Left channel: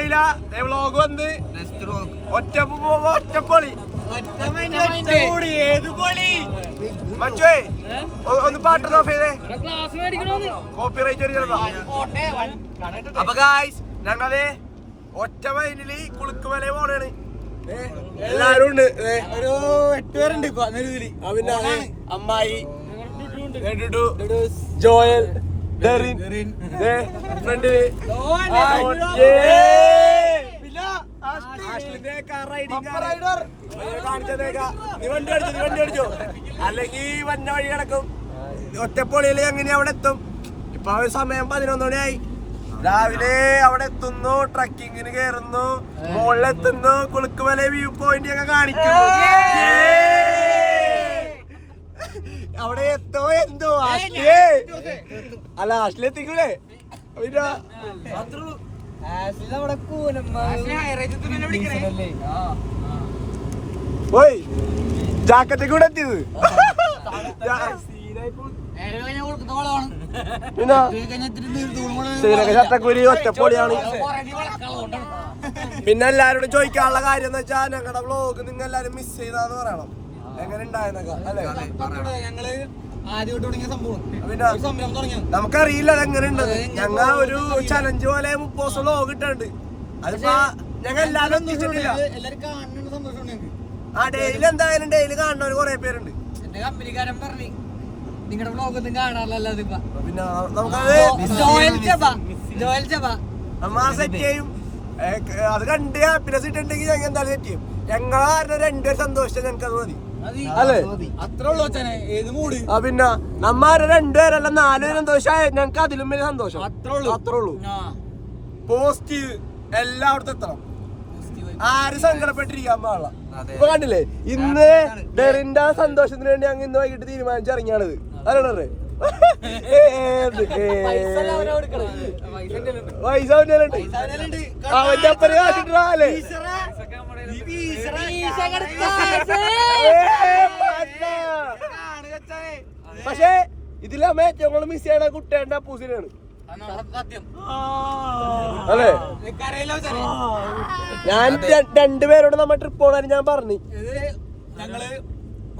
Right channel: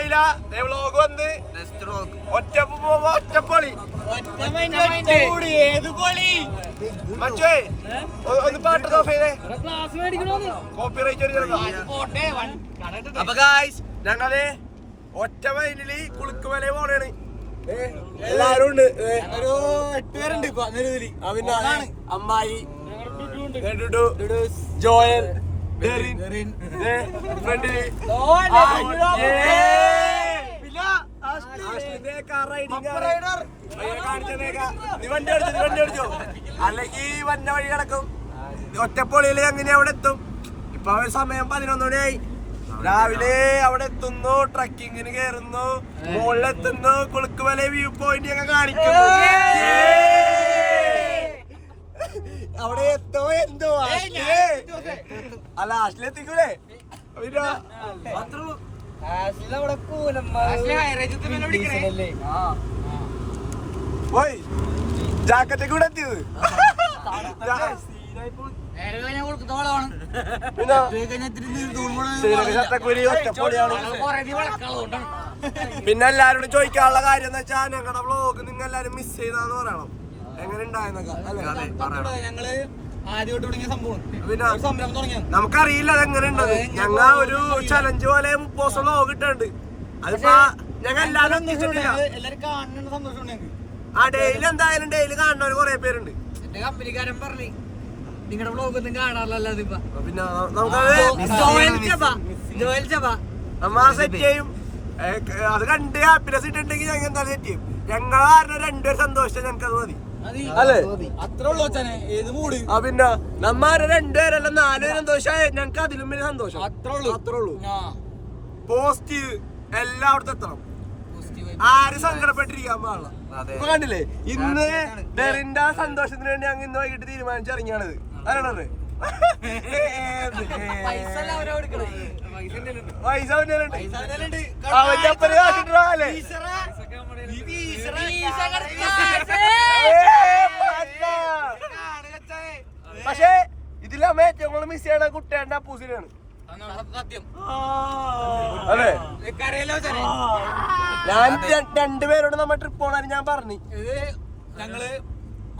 മനസ്സിലായില്ല വ്ളോഗ് വന്ന് ഒറ്റപ്പൊളി ഏത് പൊളി മച്ചേ ഒന്ന് പാട്ട് നോക്കിയേ കോപ്പിറൈറ്റ്. അപ്പൊ ഗായ്സ് ഞങ്ങള് ഒറ്റ മൈലില് കുളുക്കുമല പോണാണ്. എല്ലാരും ഉണ്ട്, ഒരു 8 പേരുണ്ട് ഇപ്പൊ നിലവില്. പിന്നെ അമ്മായി, ജോയൽ, ഫ്രണ്ടില് അല്ലെങ്കിൽ വന്ന വഴി കിടക്കും. ഒറ്റപ്പൊളിയില് എങ്ങനെ അവിടെ എത്തും? ഇപ്പൊ സമയം 11 മണിയായി. രാവിലെ അവിടെ എത്തുന്നു, ട്രക്കിങ്ങിന് കയറുന്നു, മുകളിലെത്തുന്നു, കുളുക്കുമല വ്യൂ പോയിന്റ് ഒക്കെ കാണിക്കുന്നു. അവിടെ എത്തോ എന്തോ അല്ല ലാസ്റ്റിലെത്തിക്കൂലേ? പോയി ജാക്കറ്റ് കൂടെ എത്തിയത്. പിന്നെ എല്ലാരോടും ചോദിക്കാനുള്ള കാര്യം എന്ന് വെച്ചാൽ ഞങ്ങളുടെ വ്ളോഗ് നിങ്ങൾ എല്ലാരും മിസ് ചെയ്താന്ന് പറയണം. എങ്ങനെ ഉണ്ടായെന്നൊക്കെ അല്ലേ? നമുക്കറിയില്ല അതെങ്ങനെ ഉണ്ടത്. ഞങ്ങൾ ഒരു ചലഞ്ച് പോലെ 30 വ്ളോഗ് ഇട്ടുണ്ട്. അതിപ്പോ ഞങ്ങൾ എല്ലാരും എത്തിച്ചിട്ടില്ല. ആ ഡെയിലി എന്തായാലും ഡെയിലി കാണുന്നവര് കൊറേ പേരുണ്ട്. കമ്പനിക്കാരൻ പറഞ്ഞു നിങ്ങളുടെ വ്ളോഗ് ഒന്നും കാണാറില്ല. പിന്നെ നമ്മ സെറ്റ് ചെയ്യും. അത് കണ്ട് ഹാപ്പിനെസ് ഇട്ടുണ്ടെങ്കിൽ ഞങ്ങൾ എന്തായാലും സെറ്റ് ചെയ്യും. ഞങ്ങളെ കാരണം 2 പേര് സന്തോഷിച്ചാൽ ഞങ്ങൾക്ക് അത് മതി അല്ലേ? അത്ര ഉള്ളു ഏത് മൂട്. പിന്നെ നമ്മ 2 പേരല്ല 4 പേര് സന്തോഷമായ ഞങ്ങൾക്ക് അതിലും വലിയ സന്തോഷം. അത്രേ ഉള്ളൂ. പോസിറ്റീവ് എല്ലായിടത്തും എത്തണം. ആരും സങ്കടപ്പെട്ടിരിക്കാൻ പാടില്ല. ഇപ്പൊ കണ്ടില്ലേ, ഇന്ന് ഡെറിന്റെ സന്തോഷത്തിന് വേണ്ടി ഞങ്ങൾ ഇന്ന് വൈകിട്ട് തീരുമാനിച്ചിറങ്ങിയാണിത്. അല്ലേ പൈസ അവന്റെ അപ്പന് കാശിട്ടല്ലേ? പക്ഷേ ഇതിലമ്മ ഏറ്റവും കൂടുതൽ മിസ് ചെയ്യണ കുട്ടിയുടെ അപ്പൂസിനാണ് അല്ലേ? ഞാൻ 2 പേരോട് നമ്മ ട്രിപ്പ് പോകാൻ ഞാൻ പറഞ്ഞു.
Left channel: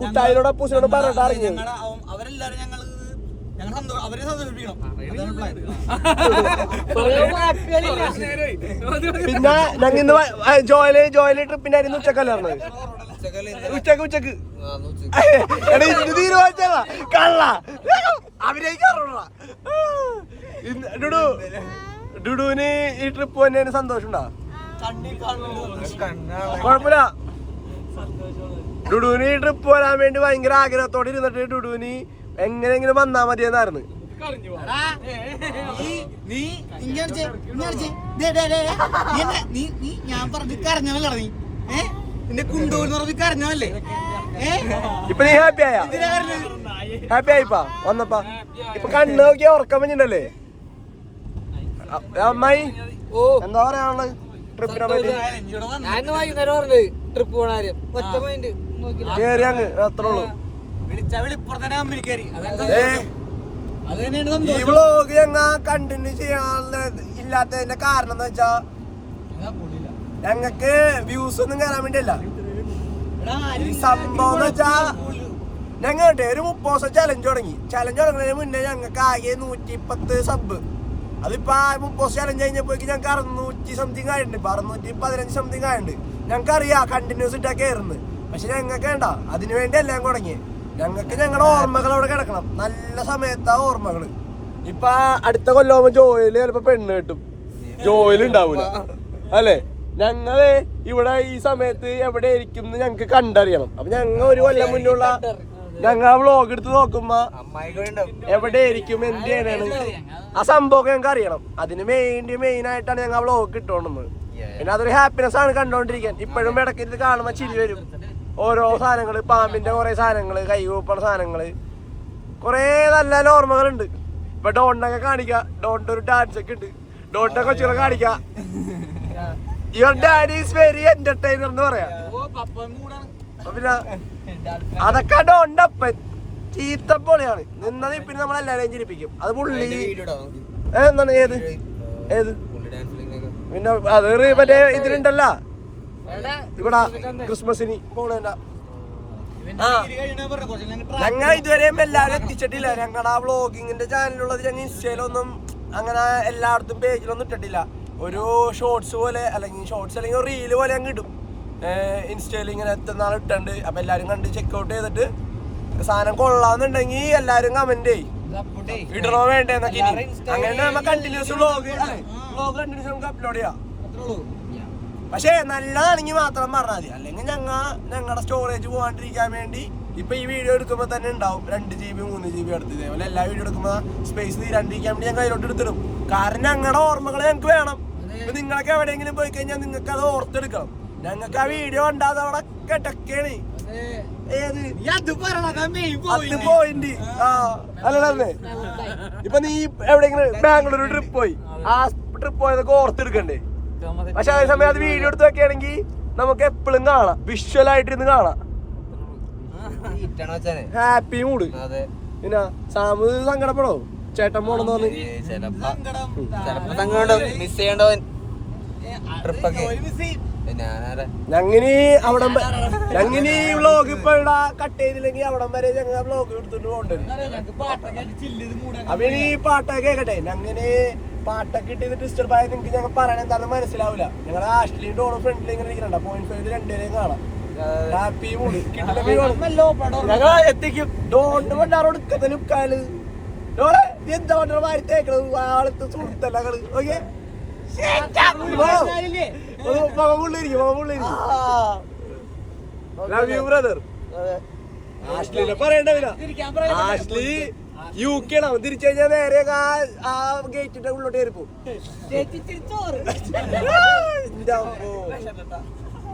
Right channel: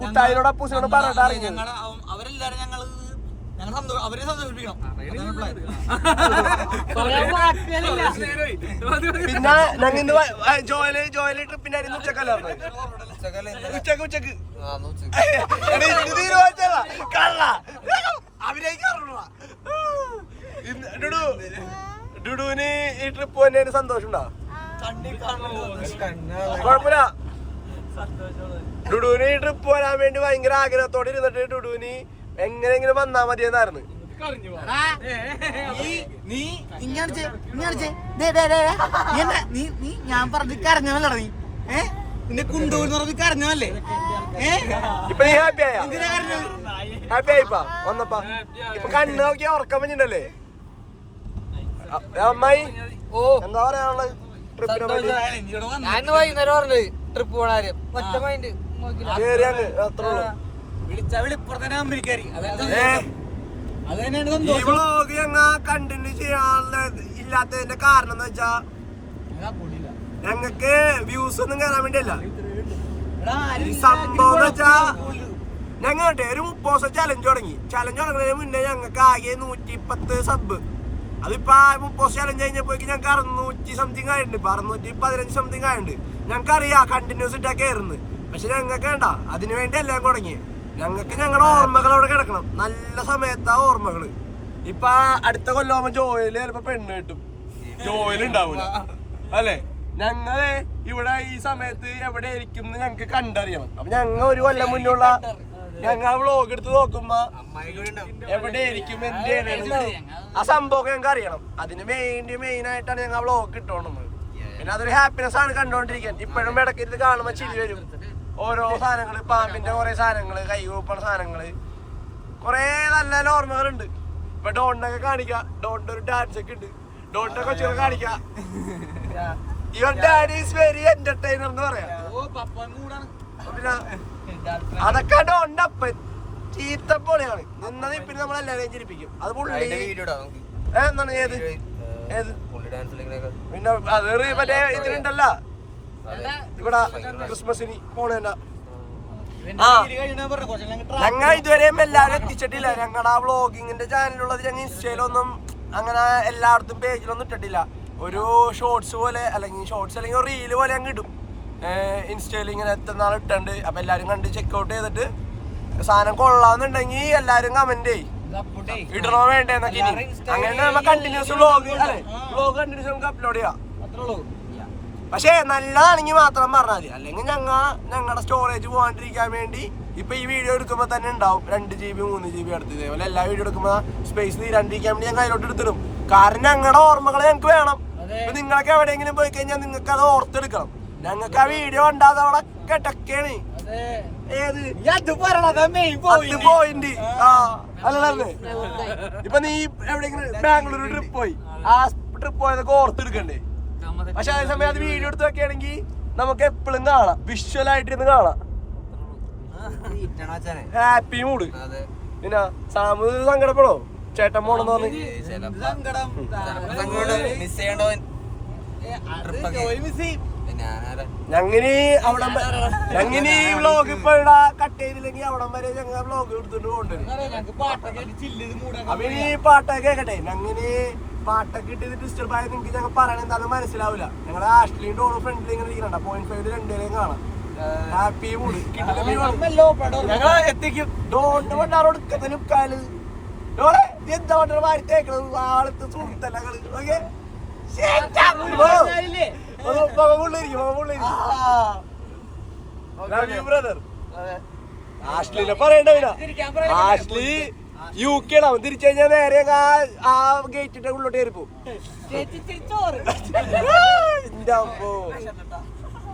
കുട്ടായിനോട് അപ്പൂസിനോട് പറഞ്ഞിട്ട് അറിഞ്ഞത്. പിന്നെ ഞങ്ങൾ ഇന്ന് ജോയില് ട്രിപ്പിന്റെ ആയിരുന്നു. ഉച്ചക്കല്ലേ ഉച്ചക്ക് തീരുമാനിച്ചാ കള്ള അഭിനയിക്കാറുള്ള ഡുഡുവിന് ഈ ട്രിപ്പ് തന്നെയാണ് സന്തോഷം ഉണ്ടാവും. കുഴപ്പമില്ല. ഡുഡുവിന് ഈ ട്രിപ്പ് വരാൻ വേണ്ടി ഭയങ്കര ആഗ്രഹത്തോടെ ഇരുന്നിട്ട് ഡുഡുവിന് എങ്ങനെയെങ്കിലും വന്നാ മതിയെന്നായിരുന്നു. ഞാൻ പറഞ്ഞു കരഞ്ഞല്ലേ നീ നിന്റെ കുണ്ടൂന്ന് കരഞ്ഞല്ലേ? ഇപ്പൊ നീ ഹാപ്പി ആയിപ്പാ വന്നപ്പാ? ഇപ്പൊ കണ്ണ് നോക്കിയാ ഉറക്കം പഞ്ഞിണ്ടല്ലേ അമ്മായി? എന്താ പറയാനുള്ളത്? ഞാൻ വൈകുന്നേരം പറഞ്ഞത് ട്രിപ്പ് പോണ കാര്യം. ഒറ്റ മൈൻഡ് ഈ വ്ളോഗ് ഞങ്ങ കണ്ടിന്യൂ ചെയ്യാനുള്ള ഇല്ലാത്തതിന്റെ കാരണം എന്ന് വെച്ചാ ഞങ്ങക്ക് വ്യൂസ് ഒന്നും കയറാൻ വേണ്ടിയല്ല. ഈ സംഭവം എന്ന് വെച്ചാ ഞങ്ങളുടെ ഒരു 30 ചലഞ്ച് തുടങ്ങുന്നതിന് മുന്നേ ഞങ്ങൾക്ക് ആകെ 110 സബ്. അതിപ്പോ 30 ചലഞ്ച് കഴിഞ്ഞപ്പോഴേക്ക് ഞങ്ങൾക്ക് 600 സംതിങ് ആയിട്ടുണ്ട്. ഇപ്പൊ 615 സംതിങ് ആയിട്ടുണ്ട്. ഞങ്ങൾക്ക് അറിയാം കണ്ടിന്യൂസ് ഇട്ടാ കയറുന്നത്. പക്ഷെ ഞങ്ങൾക്ക് വേണ്ട, അതിനു വേണ്ടി എല്ലാം തുടങ്ങി. ഞങ്ങൾക്ക് ഞങ്ങളുടെ ഓർമ്മകൾ അവിടെ കിടക്കണം. നല്ല സമയത്താ ഓർമ്മകള്. ഇപ്പൊ അടുത്ത കൊല്ലമാകുമ്പോ ജോയില് ചിലപ്പോ പെണ്ണ് കിട്ടും, ജോയില് ഉണ്ടാവൂല അല്ലെ? ഞങ്ങള് ഇവിടെ ഈ സമയത്ത് എവിടെ ഇരിക്കും ഞങ്ങക്ക് കണ്ടറിയണം. അപ്പൊ ഞങ്ങൾ ഒരു കൊല്ലം മുന്നുള്ള ഞങ്ങൾ വ്ളോഗ് എടുത്ത് നോക്കുമ്പോ എവിടെ ഇരിക്കും എന്ത് ചെയ്യണേന്ന് ആ സംഭവം ഞങ്ങൾക്ക് അറിയണം. അതിന് മെയിൻ ആയിട്ടാണ് ഞങ്ങൾ വ്ളോഗ് ഇട്ടോണ്ടുന്നത്. പിന്നെ അതൊരു ഹാപ്പിനെസ് ആണ് കണ്ടോണ്ടിരിക്കാൻ. ഇപ്പോഴും ഇടയ്ക്ക് കാണുമ്പോ ചിരി വരും. ഓരോ സാധനങ്ങള്, പാമ്പിന്റെ കുറെ സാധനങ്ങള്, കൈകൂപ്പണ സാധനങ്ങള്, കൊറേ നല്ല നല്ല ഓർമ്മകളുണ്ട്. ഇപ്പൊ ഡോണ്ടൊക്കെ കാണിക്കാം. ഡോണ്ട് ഒരു ഡാൻസ് ഒക്കെ ഉണ്ട്. ഡോണ്ടൊക്കെ കൊച്ചുകളെ കാണിക്കാം. Your daddy is very entertainer എന്ന് പറയാം. പിന്നെ അതൊക്കെ ഡോണ്ടപ്പൻ ചീത്തപ്പൊളിയാണ് നിന്നത്. പിന്നെ നമ്മളെല്ലാരെയും ചിരിപ്പിക്കും. അത് പുള്ളി എന്താണ് ഏത് ഏത് പിന്നെ അത് മറ്റേ ഇതിലുണ്ടല്ല ഇവിടെ ക്രിസ്മസിന് പോണേണ്ട. ഞങ്ങൾ ഇതുവരെയും എല്ലാവരും എത്തിച്ചിട്ടില്ല. ഞങ്ങളുടെ ആ വ്ളോഗിങ്ങിന്റെ ചാനലുള്ളത് ഞങ്ങൾ ഇൻസ്റ്റയിലൊന്നും അങ്ങനെ എല്ലായിടത്തും പേജിലൊന്നും ഇട്ടിട്ടില്ല. ഒരു ഷോർട്സ് പോലെ അല്ലെങ്കിൽ റീല് പോലെ ഞങ്ങൾ ഇടും ഇൻസ്റ്റയിൽ. ഇങ്ങനെ എത്തുന്നാൾ ഇട്ടുണ്ട്. അപ്പൊ എല്ലാരും കണ്ട് ചെക്കൗട്ട് ചെയ്തിട്ട് സാധനം കൊള്ളാന്നുണ്ടെങ്കിൽ എല്ലാരും കമന്റ് ചെയ്യും ഇടണോ വേണ്ടേന്നൊക്കെ. അങ്ങനെ നമ്മ കണ്ടിന്യൂസ് വ്ളോഗ് കണ്ടിന്യൂസ് നമുക്ക് അപ്ലോഡ് ചെയ്യാം. പക്ഷെ നല്ലതാണെങ്കിൽ മാത്രം പറഞ്ഞാൽ മതി. അല്ലെങ്കിൽ ഞങ്ങളുടെ സ്റ്റോറേജ് പോകാണ്ടിരിക്കാൻ വേണ്ടി ഇപ്പൊ ഈ വീഡിയോ എടുക്കുമ്പോ തന്നെ ഉണ്ടാവും 2 GB 3 GB അടുത്ത്. ഇതേപോലെ എല്ലാ വീഡിയോ എടുക്കുമ്പോ സ്പേസ് തീരാണ്ടിരിക്കാൻ വേണ്ടി ഞങ്ങൾ അതിലോട്ട് എടുത്തിടും. കാരണം ഞങ്ങളുടെ ഓർമ്മകൾ ഞങ്ങൾക്ക് വേണം. ഇപ്പൊ നിങ്ങൾക്ക് എവിടെയെങ്കിലും പോയി കഴിഞ്ഞാൽ നിങ്ങൾക്ക് അത് ഓർത്തെടുക്കണം. ഞങ്ങൾക്ക് ആ വീഡിയോ ഉണ്ടാകുന്ന അവിടെ കെട്ടൊക്കെയാണ്. പോയിന്റ് അല്ലേ? ഇപ്പൊ നീ എവിടെയെങ്കിലും ബാംഗ്ലൂർ ട്രിപ്പ് പോയി, ആ ട്രിപ്പ് പോയതൊക്കെ ഓർത്തെടുക്കണ്ടേ? പക്ഷെ അതേസമയം അത് വീഡിയോ എടുത്ത് വെക്കുകയാണെങ്കിൽ നമുക്ക് എപ്പോഴും കാണാം, വിഷ്വലായിട്ട് ഇരുന്ന് കാണാം. Happy mood. പിന്നെ സാമു സങ്കടപ്പെടോ ചേട്ടൻ പോണെന്ന് പറഞ്ഞ്? ഞങ്ങനെ ഞങ്ങനെ ഈ വ്ളോഗ് ഇപ്പൊ ഇവിടെ കട്ട് ചെയ്തില്ലെങ്കിൽ അവിടം വരെ ഞങ്ങൾ വ്ളോഗ് എടുത്തിട്ട് പോകണ്ടത്. അപ്പൊ ഈ പാട്ടൊക്കെ കേക്കട്ടെ. ഞങ്ങനെ പാട്ടൊക്കെ ഇട്ടിട്ട് ഡിസ്റ്റർബ് ആയത് നിങ്ങൾക്ക് ഞങ്ങൾ പറയണ എന്താണെന്ന് മനസ്സിലാവില്ല. ഞങ്ങളുടെ ആഷ്ലിയും ഡോണോ ഫ്രണ്ടിൽ ഇങ്ങനെ ഇരിക്കണ്ട. 0.5 രണ്ടുപേരെയും കാണാം. ഹാപ്പി മൂഡ് ഞങ്ങൾ എത്തിക്കും. ഡോണ്ട് വണ്ടാറോട് ലുക്കാല് ഡോളെ എന്താ വണ്ട മാറി തേക്കണത് ആളത്തെ സുഹൃത്തല്ല. ഓക്കെ ആഷ്ലിനെ പറയണ്ട. ആഷ്ലി UK ആണ്. അവൻ തിരിച്ചു കഴിഞ്ഞാൽ നേരെ ആ ഗേറ്റിന്റെ ഉള്ളിലോട്ട് കയറിപ്പോ.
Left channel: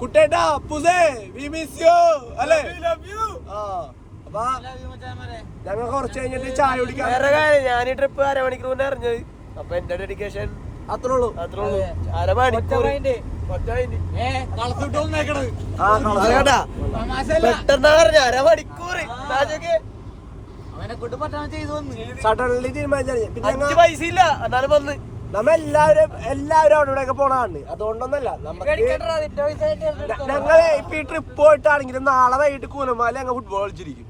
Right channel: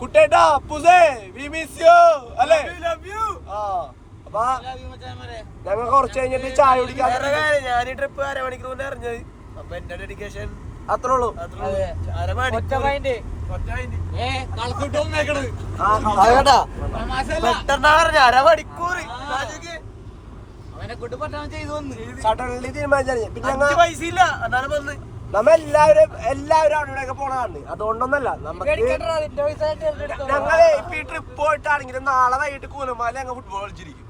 കുട്ടേട്ടാ പുസേ വി മിസ് യു അല്ലേ? അപ്പൊ ഞങ്ങൾ കുറച്ച് കഴിഞ്ഞിട്ട് ചായ കുടിക്കാൻ. ഞാൻ ഈ ട്രിപ്പ് 1/2 മണിക്കൂർ മുന്നേ അറിഞ്ഞത്. അപ്പൊ എന്റെ ഡെഡിക്കേഷൻ അത്രേ ഉള്ളൂ. 1/2 മണിക്കൂർ പെട്ടെന്നാ പറഞ്ഞ 1/2 മണിക്കൂർ സഡൻലി തീരുമാനിച്ചു. പിന്നെ പൈസ ഇല്ല, എന്നാലും വന്ന് നമ്മ എല്ലാവരും അവിടെ പോണതാണ്. അതുകൊണ്ടൊന്നല്ല നമുക്ക് ഞങ്ങളെ ഇപ്പൊ ഈ ട്രിപ്പ് പോയിട്ടാണെങ്കിലും നാളെ വൈകിട്ട് കൂലമാല ഞങ്ങൾ ഫുട്ബോൾ കളിച്ചിരിക്കും.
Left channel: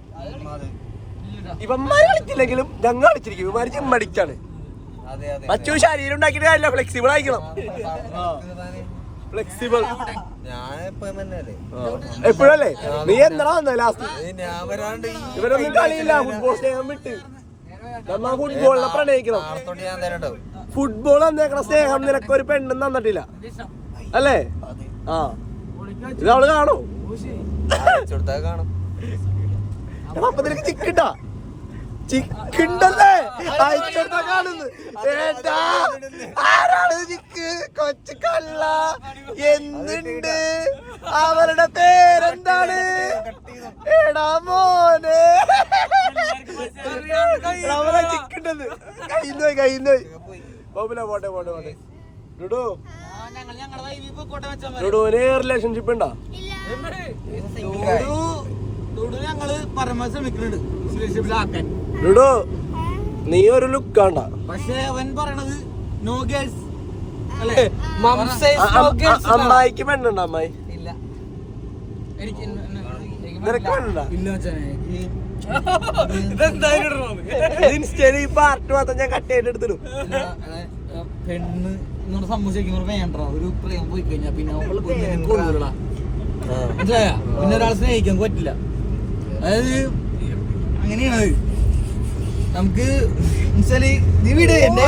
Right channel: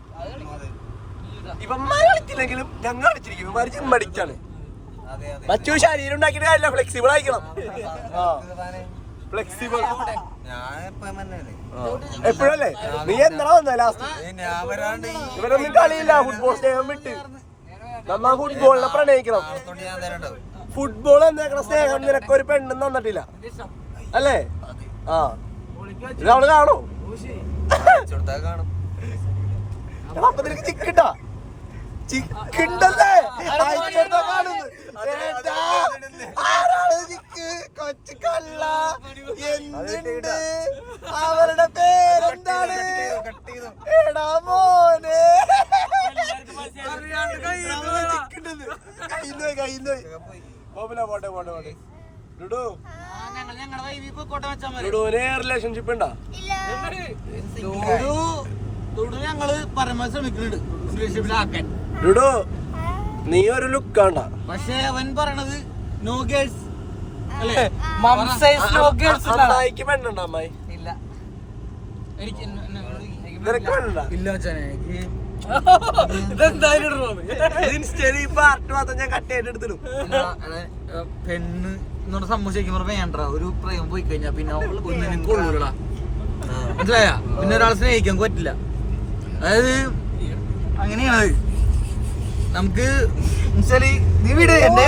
ഇവന്മാര് കളിച്ചില്ലെങ്കിലും ഞങ്ങൾ കളിച്ചിരിക്കും. ഇവന്മാര് ജിമ്മടിക്കാണ്. മറ്റു ശരീരം ഉണ്ടാക്കിയിട്ട് കാര്യമില്ല, ഫ്ലെക്സിബിൾ ആയിരിക്കണം. ഫ്ലെക്സിബിൾ എപ്പോഴല്ലേ? നീ എന്താ വന്ന ലാസ്റ്റ്? ഇവരൊന്നും കളിയില്ല. ഫുട്ബോൾ സ്നേഹം വിട്ട് നമ്മ ഫുട്ബോളിനെ പ്രണയിക്കണം. ഫുട്ബോൾ എന്നേക്കണ സ്നേഹം നിനക്കൊരു പെണ്ണും തന്നിട്ടില്ല അല്ലേ? ആ ഇത് അവള് കാണോ? അപ്പൊ നിനക്ക് ചിക്കണ്ടാ? ചിക്കണ്ടല്ലേ അയച്ചെടുത്താ കാണുന്നു. ആരാണ് ചിക്ക്? കൊച്ചു കള്ള. എന്തുണ്ട്? അവരുടെ പേരെന്താണ്? എടാ മോനെ ചിക്കണ്ടെന്ന് കയ്യിന്ന് പോട്ടെ. ലുഡുവിന് റിലേഷൻഷിപ്പ് ഉണ്ടോ? ലുഡോ നീ ഒരു ലുക്കാണ്ട. പക്ഷെ അവൻ പറയണത് നോ ഗേൾസ്. അമ്മായിക്ക് പെണ്ണുണ്ടോ? അമ്മായി ഇല്ല. എനിക്ക് പെണ്ണ് എന്നോട് സംഭവിച്ചിരിക്കുമ്പോ വേണ്ട. ഒരു പ്രേമം പോയി കഴിഞ്ഞാ പിന്നെ കൊള്ളൂടാ. മനസ്സിലായ? പിന്നെ ഒരാൾ സ്നേഹിക്കാൻ പറ്റില്ല. അതായത് അങ്ങനെയാണ് നമുക്ക്. നീ വീട് എന്നെ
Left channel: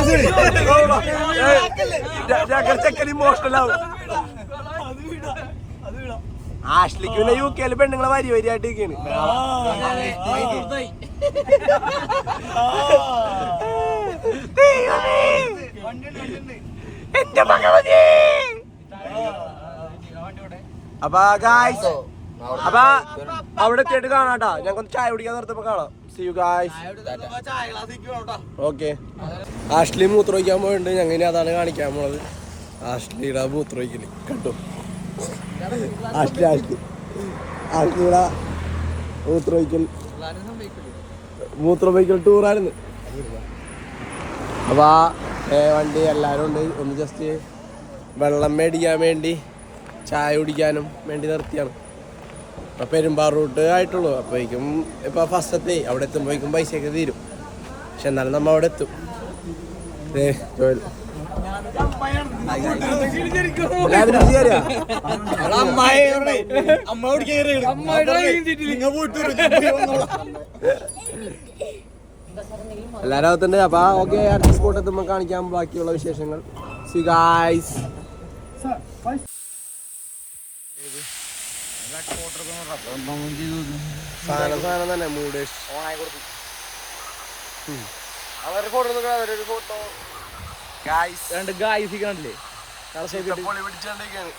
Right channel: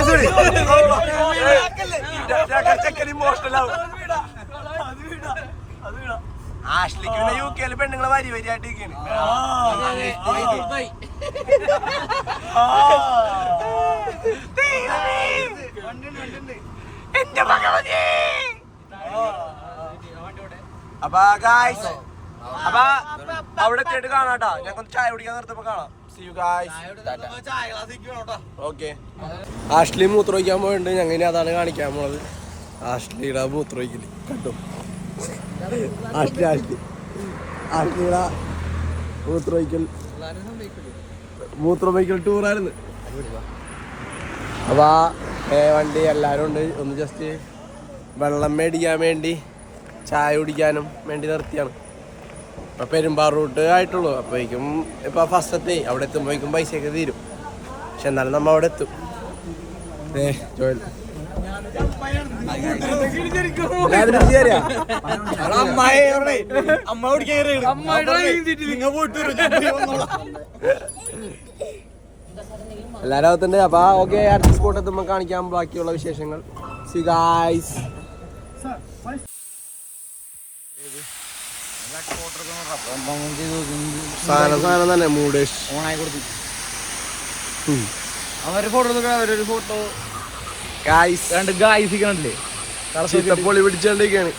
ആഷ്ലിക്ക് പിന്നെ UK പെണ്ണുങ്ങളെ വരിയായിട്ട് ഇരിക്കാണ്. അപ്പൊ അപ്പൊ അവിടെ എത്തിയിട്ട് കാണാട്ടാ. ഞങ്ങൾക്ക് ചായ കുടിക്കാൻ നിർത്തപ്പോ കാണാം. ഓക്കെ. ആഷ്ലി മൂത്രമൊഴിക്കാൻ പോയിട്ടുണ്ട്. ഞങ്ങനെ അതാണ് കാണിക്കാൻ പോണത്. ആഷ്ലിയുടെ മൂത്രമൊഴിക്കല് കേട്ടോ. ആഷ്ലിയുടെ മൂത്രമൊഴിക്കൽ ടൂറായിരുന്നു. അപ്പോൾ ആ വണ്ടി എല്ലാവരും ഉണ്ട്. ഒന്ന് ജസ്റ്റ് വെള്ളം മേടിക്കാൻ വേണ്ടി ചായ കുടിക്കാനും വേണ്ടി നിർത്തിയാണ്. ഇപ്പം പെരുമ്പാറ റൂട്ട് ആയിട്ടുള്ളൂ. അപ്പോഴേക്കും ഇപ്പോൾ ഫസ്റ്റ് എത്തി. അവിടെ എത്തുമ്പോഴേക്കും പൈസയൊക്കെ തീരും. പക്ഷെ എന്നാലും നമ്മൾ അവിടെ എത്തും. എല്ലാവരും അകത്തുണ്ട്. അപ്പോൾ ഓക്കെ, അടുത്ത സ്പോട്ട് എത്തുമ്പോൾ കാണിക്കാം ബാക്കിയുള്ള വിശേഷങ്ങൾ. C guys. സാധനം തന്നെ മൂടേഷ് ഫോട്ടോ ചീത്തപ്പൊളി പിടിച്ചോണ്ടിരിക്കാണ്.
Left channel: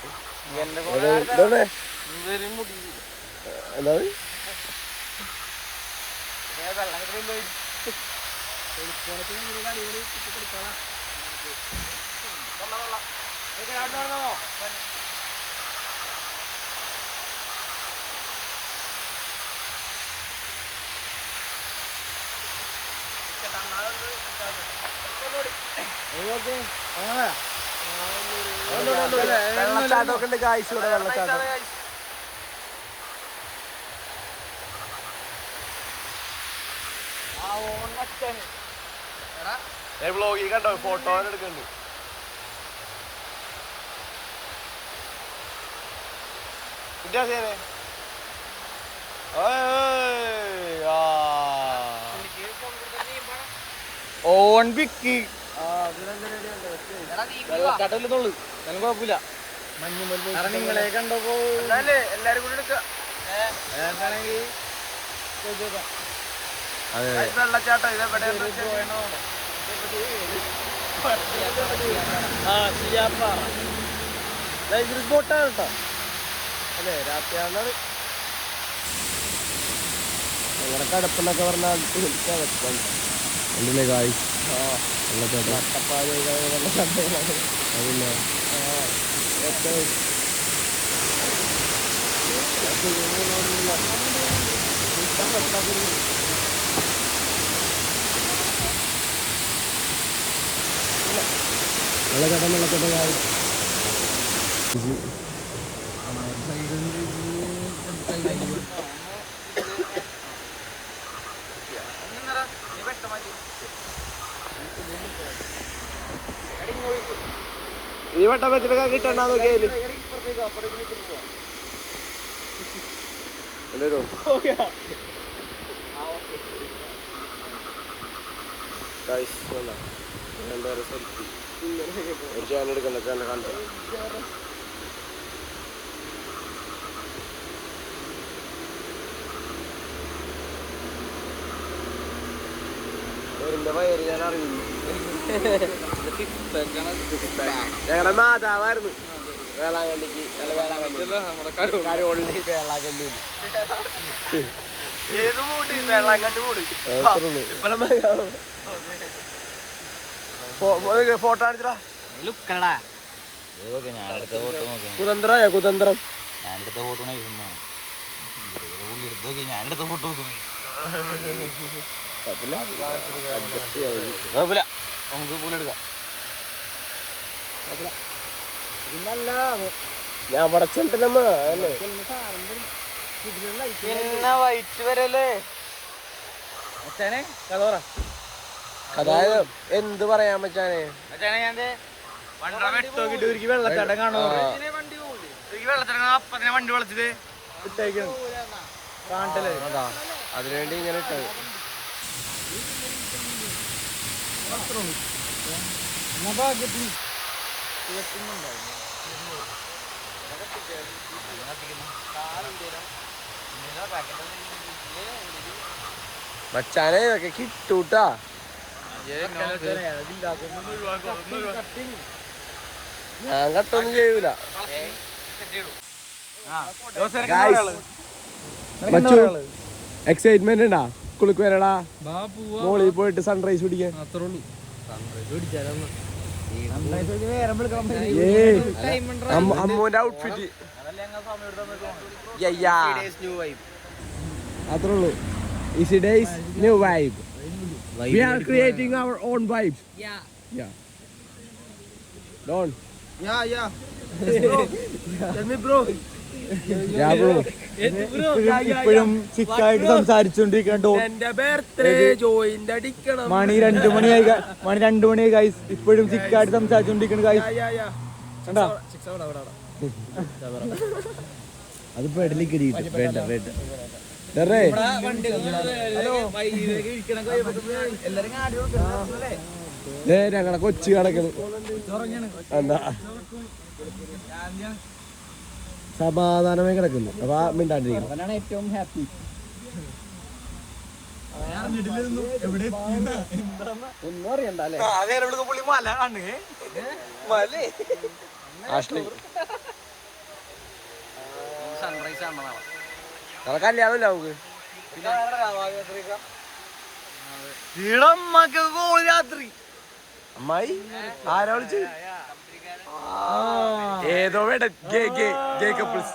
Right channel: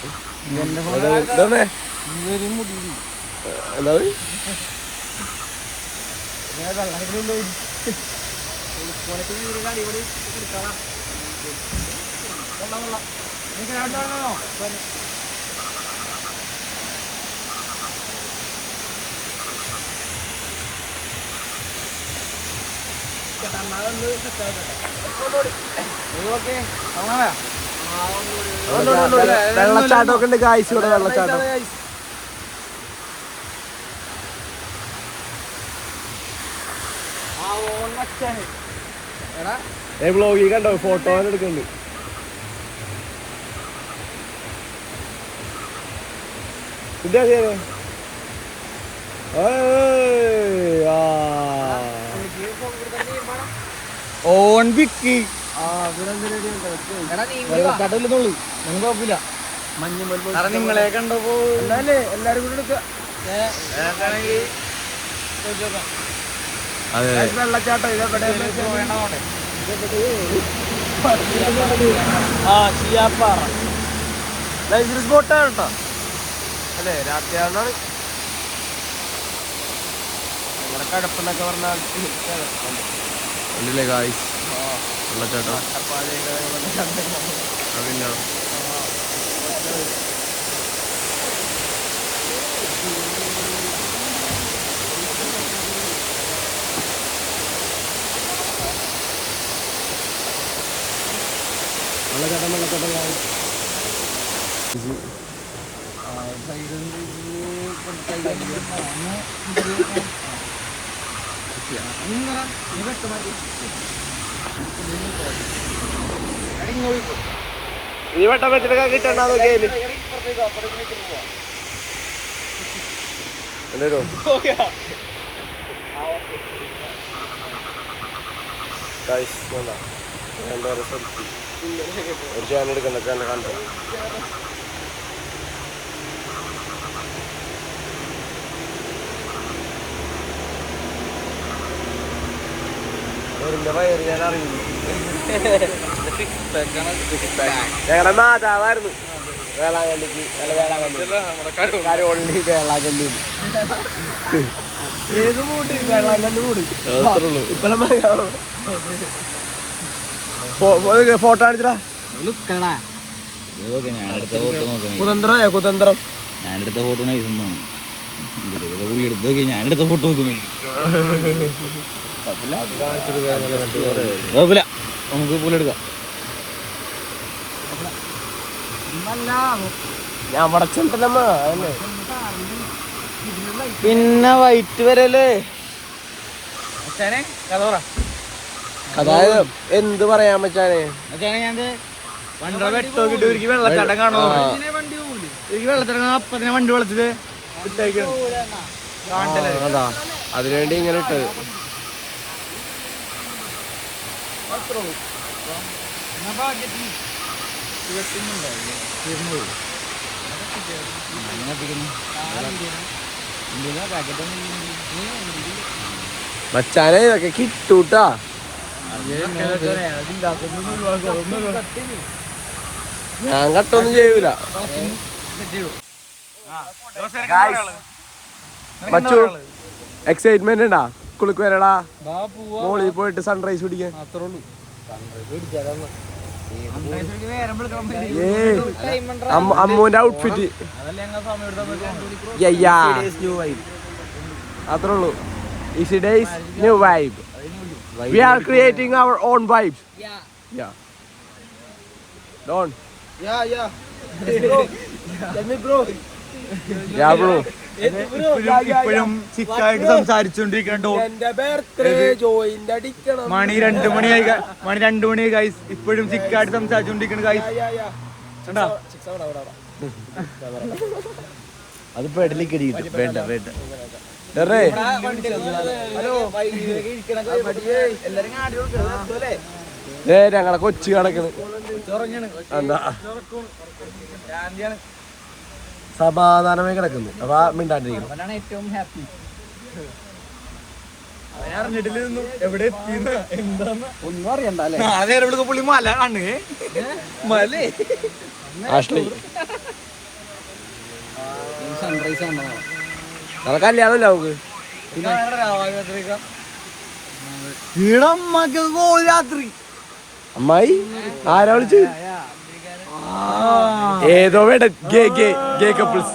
വെള്ളച്ചാട്ടമൊക്കെ ഉണ്ട് ഗായ്സ്. ഇവിടെ വെള്ളച്ചാട്ടം വ്ളോഗിൽ കണ്ടോ? ഫോട്ടോ എടുക്കുന്നുണ്ട്. ഓൺ വിക്കി കുഴപ്പമില്ല. നിങ്ങളെ കണ്ടപ്പോ എല്ലാരും കൂടി എടുക്കുക. വെള്ളച്ചാട്ടം ഇതെവിടെ ചിയാപ്പാറ ലൈബ്രറി ബോട്ടാണ് കേട്ടോ. അല്ലേ രാത്രിയാണ് വെള്ളച്ചാട്ടം. ഈ വട്ടം വെച്ചിട്ടൊക്കെ കിട്ടണ്ട നോക്കിയാല് എടുക്കണ്ട കണ്ടോ. വയറ് ഞാൻ അറിയില്ല. ഞങ്ങളുടെ മാതാവായിരുന്നു വേളാങ്കണ്ണിക്ക്. അല്ല വേളാങ്കണ്ണി വേളാങ്കണ്ണി ഏത് മൂട് വേളാങ്കണ്ണി മൂട്. ഇപ്പൊ നമ്മൾ ഫോട്ടോ അടിച്ചടാ. കുതന്ത്രയോ കുതന്ത്രം. ഞാനെടുത്ത ഫോട്ടോ ഞാനെടുത്ത ഫോട്ടോ നമുക്ക് പോലെ എടുക്കാം. പിന്നെ വൈറ്റ് വരല്ലേ. അതായത് എന്ത് പറയാൻ പറ്റാനേ. ഞാൻ വണ്ടറ വെട്ടോക്കിട്ട് ഒരിക്കൽ വെള്ളച്ചാട്ടം കാണുന്നു. ഒരിക്കൽ വെള്ളച്ചാട്ടം അപ്പൊ തന്നെ വണ്ടി വെള്ളത്തില് അതാ അതിനുവേണ്ടി ഇങ്ങനെ ഇട്ടത്. മച്ചാനെ ഇതൊക്കെ കിട്ടൂട്ടാ. ഞാൻ കട്ടൊന്നും ചെയ്യൂല. മച്ചു എക്സൈറ്റ്മെന്റ് ഉണ്ടാ? കുളിക്ക് വരടാ. മോളിൽ പോയിട്ട് സൺറൈസ് പിടിക്കാൻ. അത്രേ ഉള്ളൂ. അമ്മൂന്റെ ഔട്ട്ഫിറ്റ് അത്രേ ഉള്ളൂ. Easy days new vibe. We are creating our own vibes. Yeah. Don't. Yeah. Tell me, bro. Yeah, bro. ചിക്കായിട്ട് സംസാരിച്ചോണ്ടിരിക്കണ്ടോ എന്റെ ബർത്ത്ഡേ ജോയിന്റ് അടിക്കണം. മണി 2 മണിയായി ഗൈസ്. ഇപ്പോഴും ചിക്കായിട്ട് സംസാരിച്ചോണ്ടിരിക്കണ ഗൈസ്. അത് പെടലിക്കടി ഞങ്ങളെ കൊച്ചു കണക്കണ് സമാധാനമായി കിടക്കുന്നു. അപ്പൊ മിണ്ടാണ്ടിരിക്കണം. എവിടെ പുള്ളി മല ആണ് മലേ സൺറൈസ് ആണോ നമ്മളെ കല്യാണമല്ല നമുക്ക് രാത്രി അമ്മായി ആരാ വിളിച്ച് ഏതോ വേട ഗേ കപ്പിൾസ്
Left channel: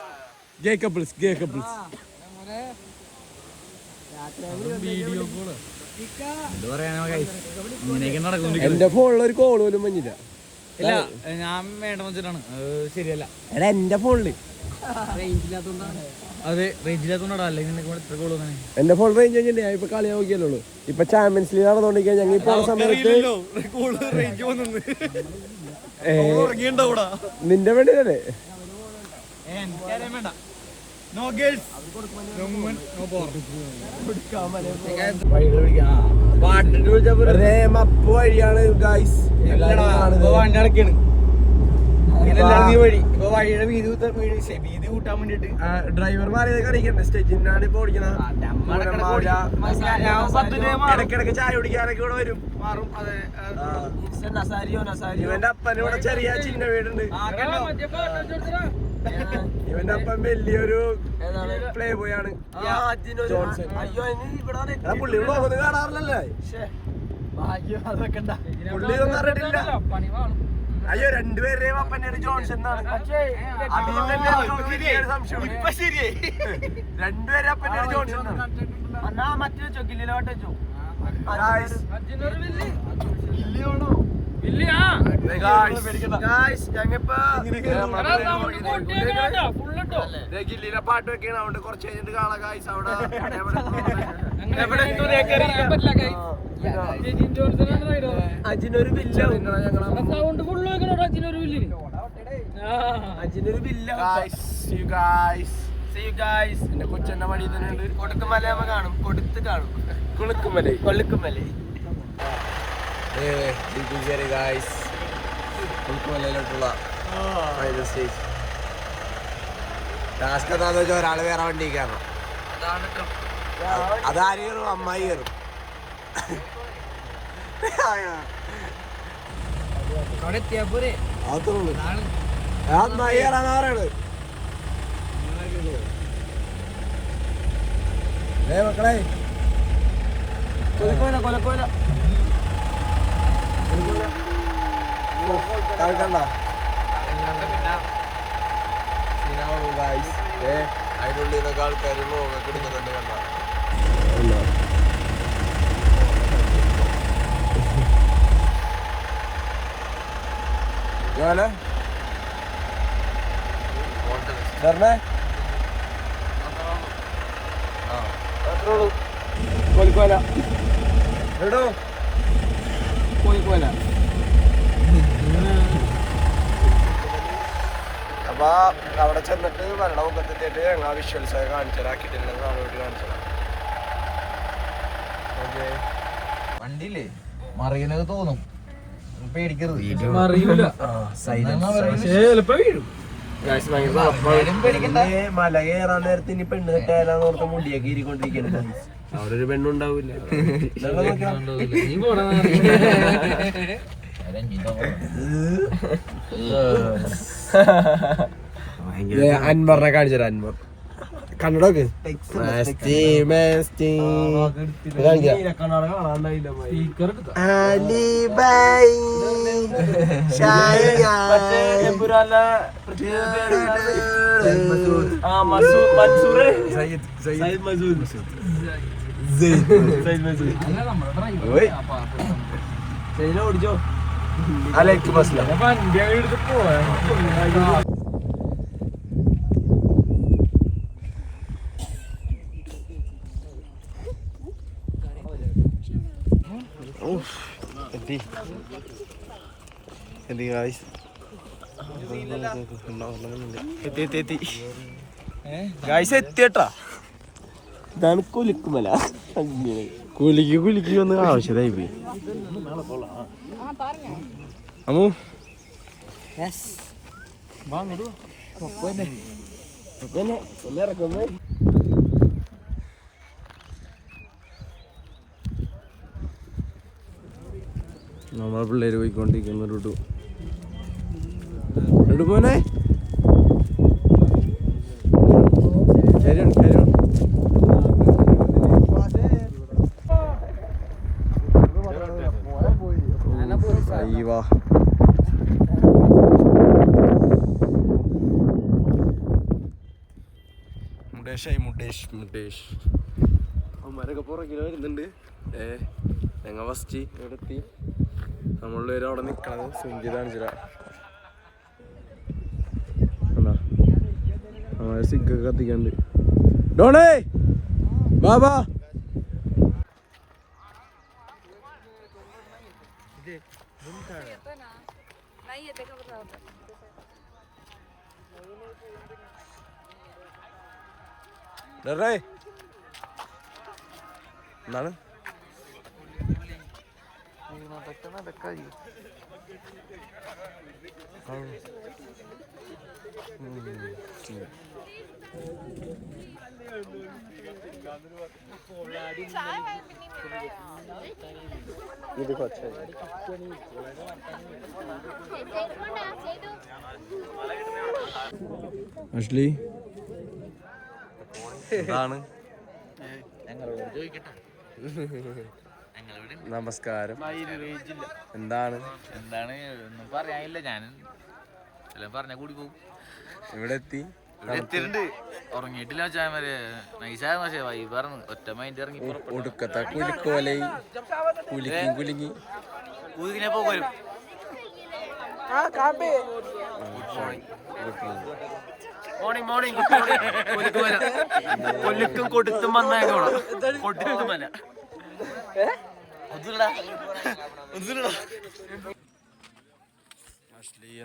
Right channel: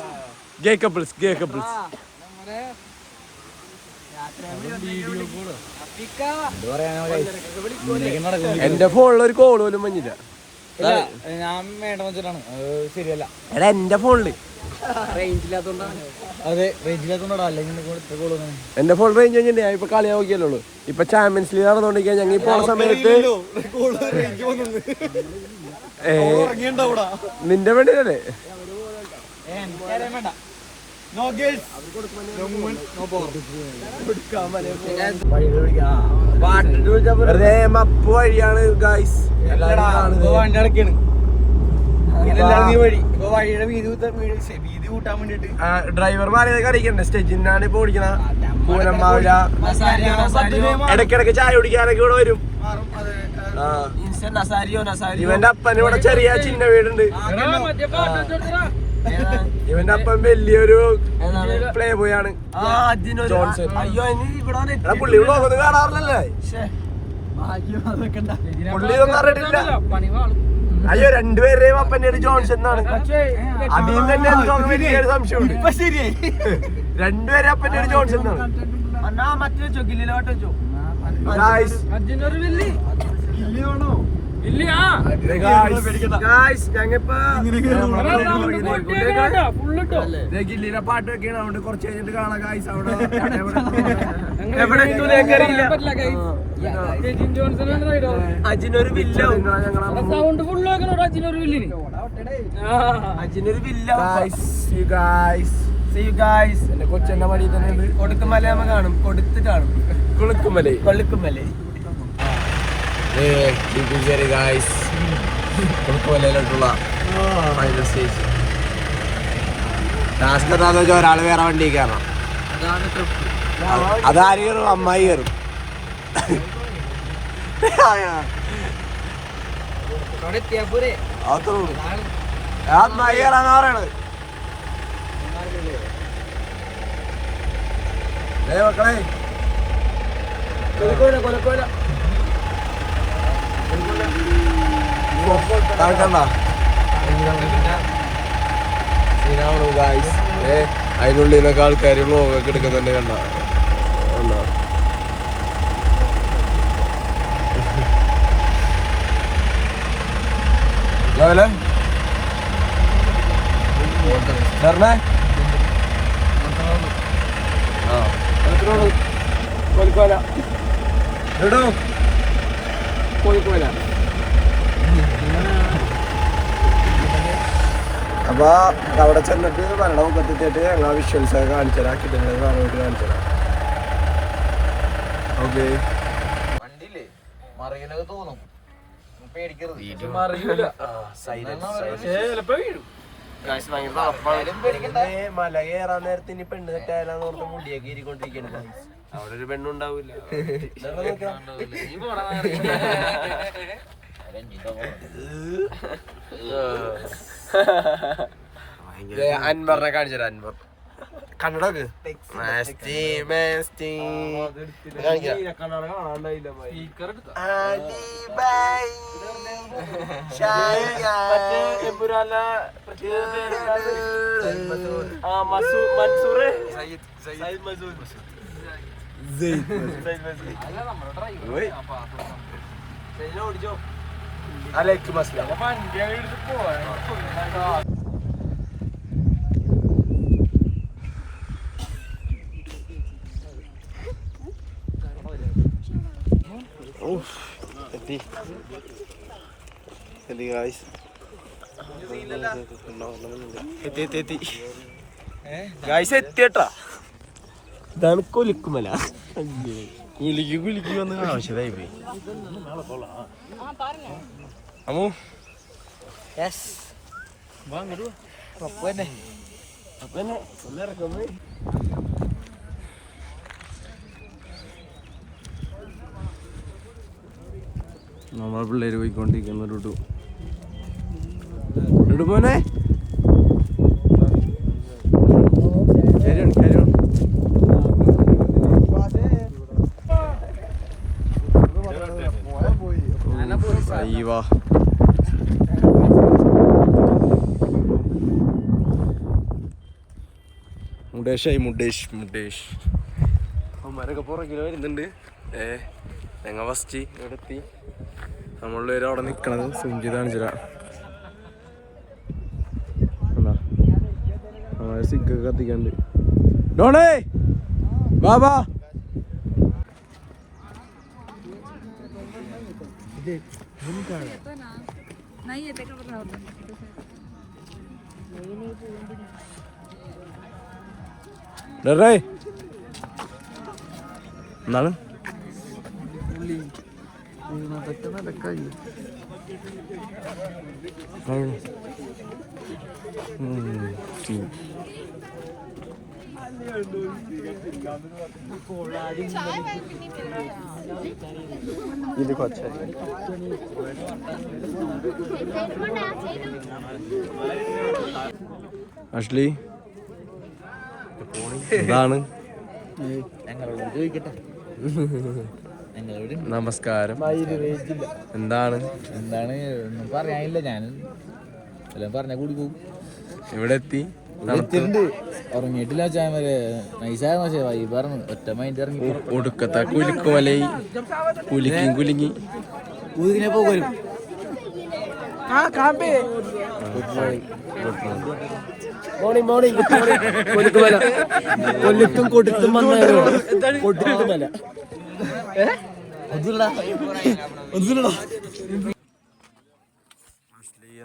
എന്റെ ഫോണിൽ ഒരു കോൾ പോലും മഞ്ഞില്ല. ഇല്ല ഞാൻ വേണ്ടെന്ന് വെച്ചിട്ടാണ്. ശരിയല്ല എടാ എന്റെ ഫോണില് അതെ റേഞ്ചില്ലാത്തോണ്ടാ. അല്ലെങ്കിൽ എന്റെ ഫോൺ റേഞ്ച് കഴിഞ്ഞിട്ട് ഞാൻ ഇപ്പൊ കളി നോക്കിയല്ലോ. ഇപ്പൊ ചാമ്പ്യൻസ് ലീഗ് നടന്നുകൊണ്ടിരിക്കാൻ ഞങ്ങൾ ഇപ്പൊ സമയത്ത് നിന്റെ വേണ്ടിയല്ലേ മപ്പ് വഴിയാണ് ഗൈസ്. വീതി കൂട്ടാൻ വേണ്ടിട്ട് ഡ്രൈവർ മാറിയത് അറിയിക്കണ്ടേ. സ്റ്റെജിനാണ് ഇപ്പൊ ഓടിക്കണ. ഇടയ്ക്കിടയ്ക്ക് ചായ കുടിക്കാനൊക്കെ ഇവിടെ വരും. ഇവന്റെ അപ്പൻ ഇവിടെ ചെറിയ ചിന്ന വീടുണ്ട്. ഇവന്റെ അപ്പൻ വലിയൊരു പ്ലേ ബോയ് ആണ്. പുള്ളി വ്ളോഗൊന്നും കാണാറില്ലല്ലേ? പുള്ളി ഒന്നും അറിയിട്ടില്ല. അയ്യോ രണ്ടുപേരുടെയും അപ്പന്റെ ഒരു ജോൺസൺ എന്നാണ്. അതിൽ നിന്ന് തന്നെ വലിയൊരു സംശയം. രണ്ടുപേരും അപ്പന്റെ ഒരു ജോൺസൺ എന്നാണ്. ഗില്ലിയുടെ പാട്ട് വെക്കാണ്. അവിടെ കുറച്ച് കഴിഞ്ഞിട്ട് കാണാം ഗായ്സ്. അവിടെ എന്റെ കൊച്ചെന്റെ മടി തന്നെ ഉണ്ട്. കൊടുക്കുമല കാണും. കൊളുക്കുമല കൊടുക്കുമലയിലോട്ടുള്ള ടാസ്ക് എന്താന്ന് വെച്ചാൽ ഒരാള് വേറെ വണ്ടി കയറണം. അതാര് കയറും? അമ്മായി കയറും. അമ്മായി കയറാറ് മക്കളെ. കൊലക്കോല അതിനുള്ളിൽ നിന്നൊക്കെ ആൾക്കാർ വ്ളോഗൊക്കെ എടുക്കുന്നുണ്ട്. കണ്ട കോഴിക്കോല. അപ്പൊ അവിടെ ചെന്നിട്ട് വെള്ളം കത്തിട്ട് ഞങ്ങൾ വിഷ്വൽസ് ഒക്കെ കാണിച്ചുതരാം. കിട്ടുന്നത് കാണാൻ വേണ്ടി കാണിച്ചുതരാം. ഓക്കെ വണ്ടിയില്ലേ മറിയാനൊക്കെ തോന്നും. പേടിക്കരുത്. മല കയറാൻ നേരത്തെ ഇനി പെണ്ണ് കെട്ടാലാന്ന് ഓർത്ത് മുടിയൊക്കെ ഇരിക്കൊണ്ടിരിക്കുന്നു. അവിടെ ഒരു പെണ്ണുണ്ടാവില്ല. അൻവറിനെ കാണിച്ചത്. അൻവർ കണ്ണടക്ക് ഓടിച്ചോ അലൈക്കും അസ്സലാം. വണ്ടി എടുത്ത് പോവാ ഇതാണ് കൊലുക്കുമല. കുലുക്കി വന്ന് ആവശ്യതായി പോയി. നമ്മളെ പിള്ളേര് പോയിക്കൊണ്ടിരിക്കുന്ന പോനെ അയ്യവാ മുഡേഷ് അവന്മാരൊക്കെ പുറകിൽ വരുന്നുണ്ട്. ഞങ്ങൾ ഫസ്റ്റ് ഇവിടെ എത്തി. നമ്മളുള്ളവരും അവിടെ നിൽക്കണത് സുഞ്ചിതാണ് ചില സിഗ്ഗൊക്കെ കത്തിക്കാണ്ട്. ഡോണേ ബാബാ എന്താണ് അഷ്ലി എന്താണ്? നമസ്കാരം. എന്താണ് ഒന്നും പറയാനില്ല. ഞാൻ എല്ലാം പറഞ്ഞാ കൂടി പോകും. ഇവിടെ എത്തി. എത്തിയിട്ടുണ്ട്. ഉറങ്ങിയിട്ടില്ല വെച്ചാൽ വരെ നൈസായ പക്ഷേ വൈ പറഞ്ഞു ഒറ്റ മൈൻഡ് ഇറങ്ങി ഒടുക്കത്തെ കുലുക്കുമലൈ കുലുങ്ങി ഊതിനെ പോകും. മോർണിംഗ് കൊലുക്കുമല കൊല്ലിത്തും കൊടുത്തും വന്നായിരുന്നു. കൊട്ടിട്ടുമല്ല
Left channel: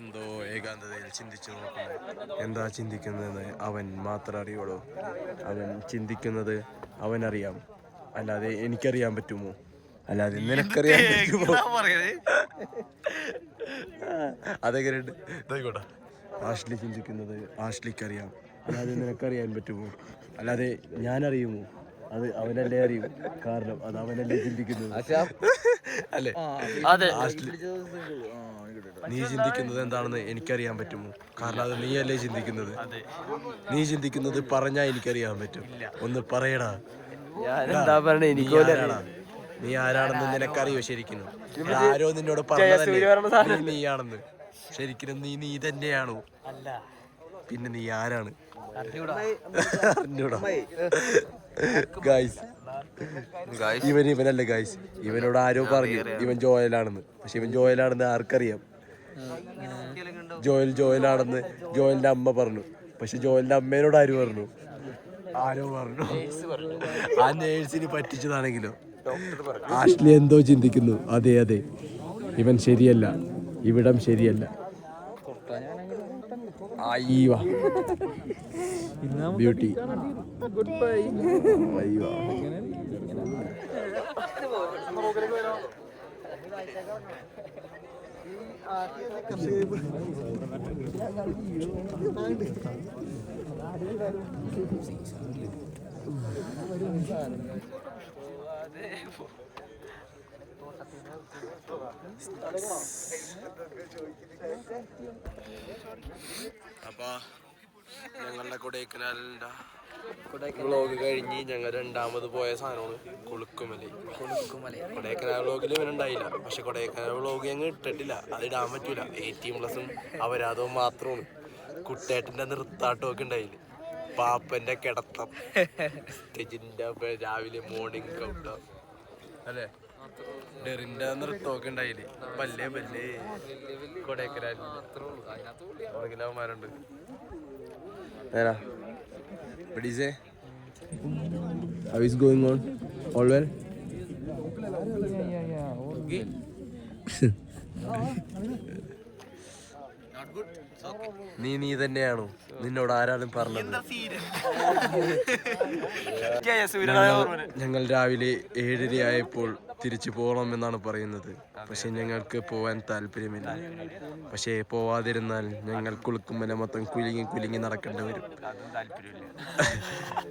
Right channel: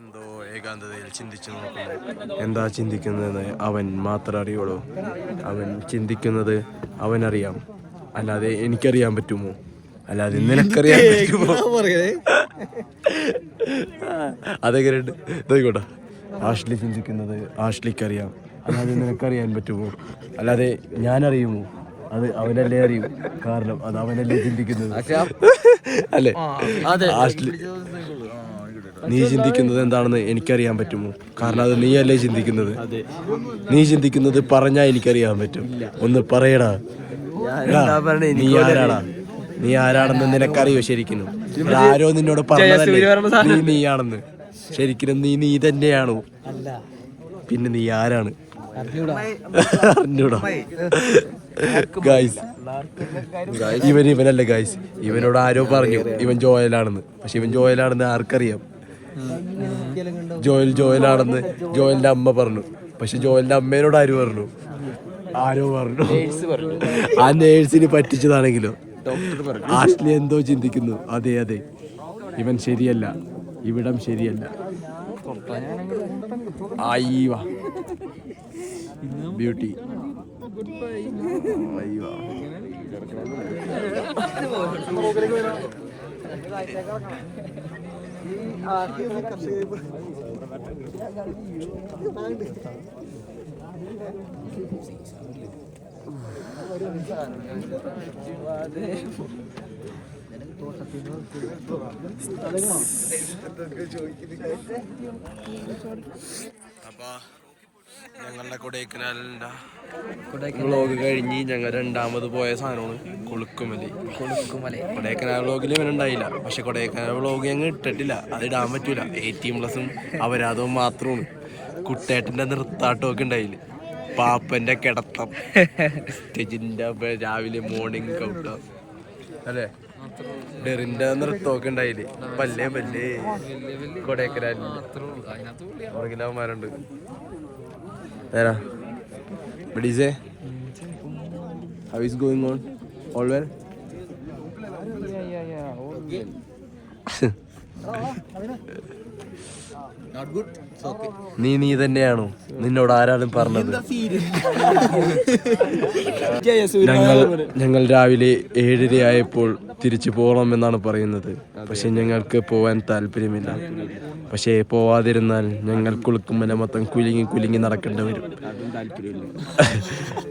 എന്തോ ഏകാന്തതയിൽ ചിന്തിച്ചു നോക്കുന്നു. എന്താ ചിന്തിക്കുന്നത് അവൻ മാത്രം അറിയുള്ളൂ. അവൻ ചിന്തിക്കുന്നത് അവനറിയാം, അല്ലാതെ എനിക്കറിയാൻ പറ്റുമോ? അല്ലാതെ നിനക്കറിയാൻ പറ്റുമോ? അതൊക്കെ നോക്കോട്ടെ. ആഷ്ലി ചിന്തിക്കുന്നത് ആഷ്ലിക്കറിയാം, അല്ലാതെ നിനക്കറിയാൻ പറ്റുമോ? അല്ലാതെ ഞാനറിയുമോ? അത് അവനല്ലേ അറിയൂ, കാരണം അത് അവനല്ലേ ചിന്തിക്കുന്നത് അല്ലേ? ആഷ്ലി നീ ചിന്തിക്കുന്നത് എന്താണെന്ന് എനിക്കറിയാൻ പറ്റുമോ? കാരണം അത് നീയല്ലേ ചിന്തിക്കുന്നത്. നീ ചിന്തിക്കുന്നത് പറഞ്ഞാ എനിക്കറിയാൻ പറ്റും. ഒന്ന് പറയടാ, നീ ആരാടാ? നീ ആരാണെന്ന് നിനക്കറിയോ? ശരിക്കും ആരോ നിന്നോട് പറഞ്ഞതല്ലേ നീയാണെന്ന്. ശരിക്കും നീ തന്നെയാണോ? പിന്നെ നീ ആരാണ്? അറിഞ്ഞൂടാ. ഇവനല്ല ഗൈസ്, ഇവനോട് ആരോ പറഞ്ഞു ഇവൻ ജോയലാണെന്ന്. പക്ഷെ ഇവൻ ജോയലാണെന്ന് ആർക്കറിയാം? ജോയലാണെന്ന് ജോയലിന്റെ അമ്മ പറഞ്ഞു. പക്ഷെ ജോയലിന്റെ അമ്മേനോട് ആര് പറഞ്ഞു? ആരോ പറഞ്ഞു. ആ നേഴ്സിന് പറ്റിച്ചതാണെങ്കിലോ? ആഷ്ലി എന്തോ ചിന്തിക്കുന്നു. അതെ, ഇവൻ ശരിയല്ല, ഇവിടം ശരിയല്ല. ബ്യൂട്ടി അപ്പൊ ഞങ്ങളുടെ കൊടൈക്കനാലിന്റെ വ്ളോഗ് കഴിഞ്ഞ് ഞങ്ങൾ രണ്ടാമത് പോയ സാധനമാണ് കൊളുക്കുമല. കൊടൈക്കനാൽ വ്ളോഗിൽ ഇവനുണ്ടായില്ല. പക്ഷെ കൊടൈക്കനാൽ വ്ളോഗ് ഞങ്ങൾ ഇട്ടിട്ടില്ല, അത് ഇടാൻ പറ്റൂല. 18+ അപരാധവും മാത്രമാണ്. കുട്ടേട്ടന്റെ നൃത്താട്ടമൊക്കെ ഉണ്ടായില്ല. പാപ്പന്റെ കിടത്തം സ്റ്റേജിന്റെ രാവിലെ മോർണിംഗ് കൗട്ടം അല്ലേ ഡെറിന്റെ നൃത്തമൊക്കെ ഉണ്ടായില്ലേ പല്ലേ പല്ലേ കൊടൈക്കനാലിന്റെ നേരാ ബഡീസേ how is going on all well നീ തന്നെയാണോ നിന്നോട് ആരാലും പറഞ്ഞത് ഞങ്ങൾ രാവിലെ 7:30 ആയപ്പോൾ തിരിച്ചു പോകണമെന്നാണ് പറയുന്നത് പക്ഷെ ഞങ്ങൾക്ക് പോവാൻ താല്പര്യമില്ല പക്ഷേ പോവാതിരുന്നാൽ ഞങ്ങൾ കുളിക്കുമ്പോൾ മൊത്തം കുലുങ്ങി നടക്കേണ്ടി വരും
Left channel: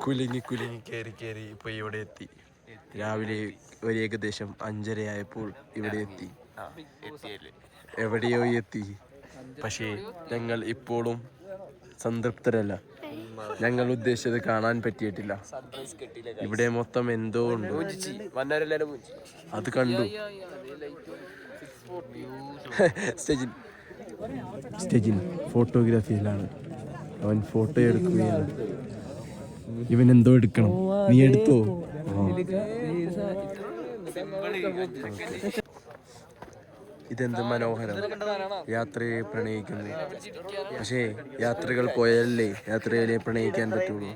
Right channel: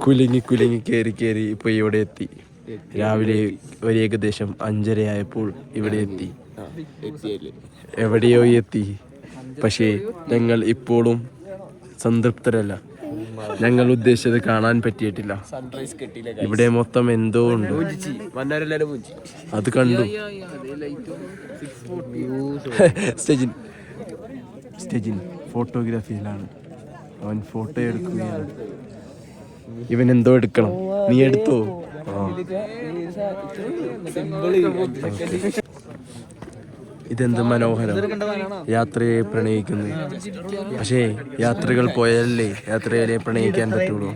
കുലുങ്ങി കയറി ഇപ്പൊ ഇവിടെ എത്തി രാവിലെ ഒരു ഏകദേശം 5:30 ആയപ്പോൾ ഇവിടെ എത്തി എവിടെയോ എത്തി പക്ഷേ ഞങ്ങൾ ഇപ്പോഴും സംതൃപ്തരല്ല ഞങ്ങൾ ഉദ്ദേശിച്ചത് കാണാൻ പറ്റിയിട്ടില്ല ഇവിടെ മൊത്തം എന്തോ ഉണ്ട് അത് കണ്ടു സ്റ്റെജിൻ ഫോട്ടോഗ്രാഫിയിലാണ് അവൻ ഫോട്ടോ എടുക്കുകയാണ് ഇവൻ എന്തോ എടുക്കണം നീ എടുത്തോ ഇതെന്ത് മനോഹരം യാത്രയെ പ്രണയിക്കുന്നു പക്ഷേ യാത്രകൾ പോയാലല്ലേ യാത്രയെ പ്രണയിക്കാൻ പറ്റുള്ളൂ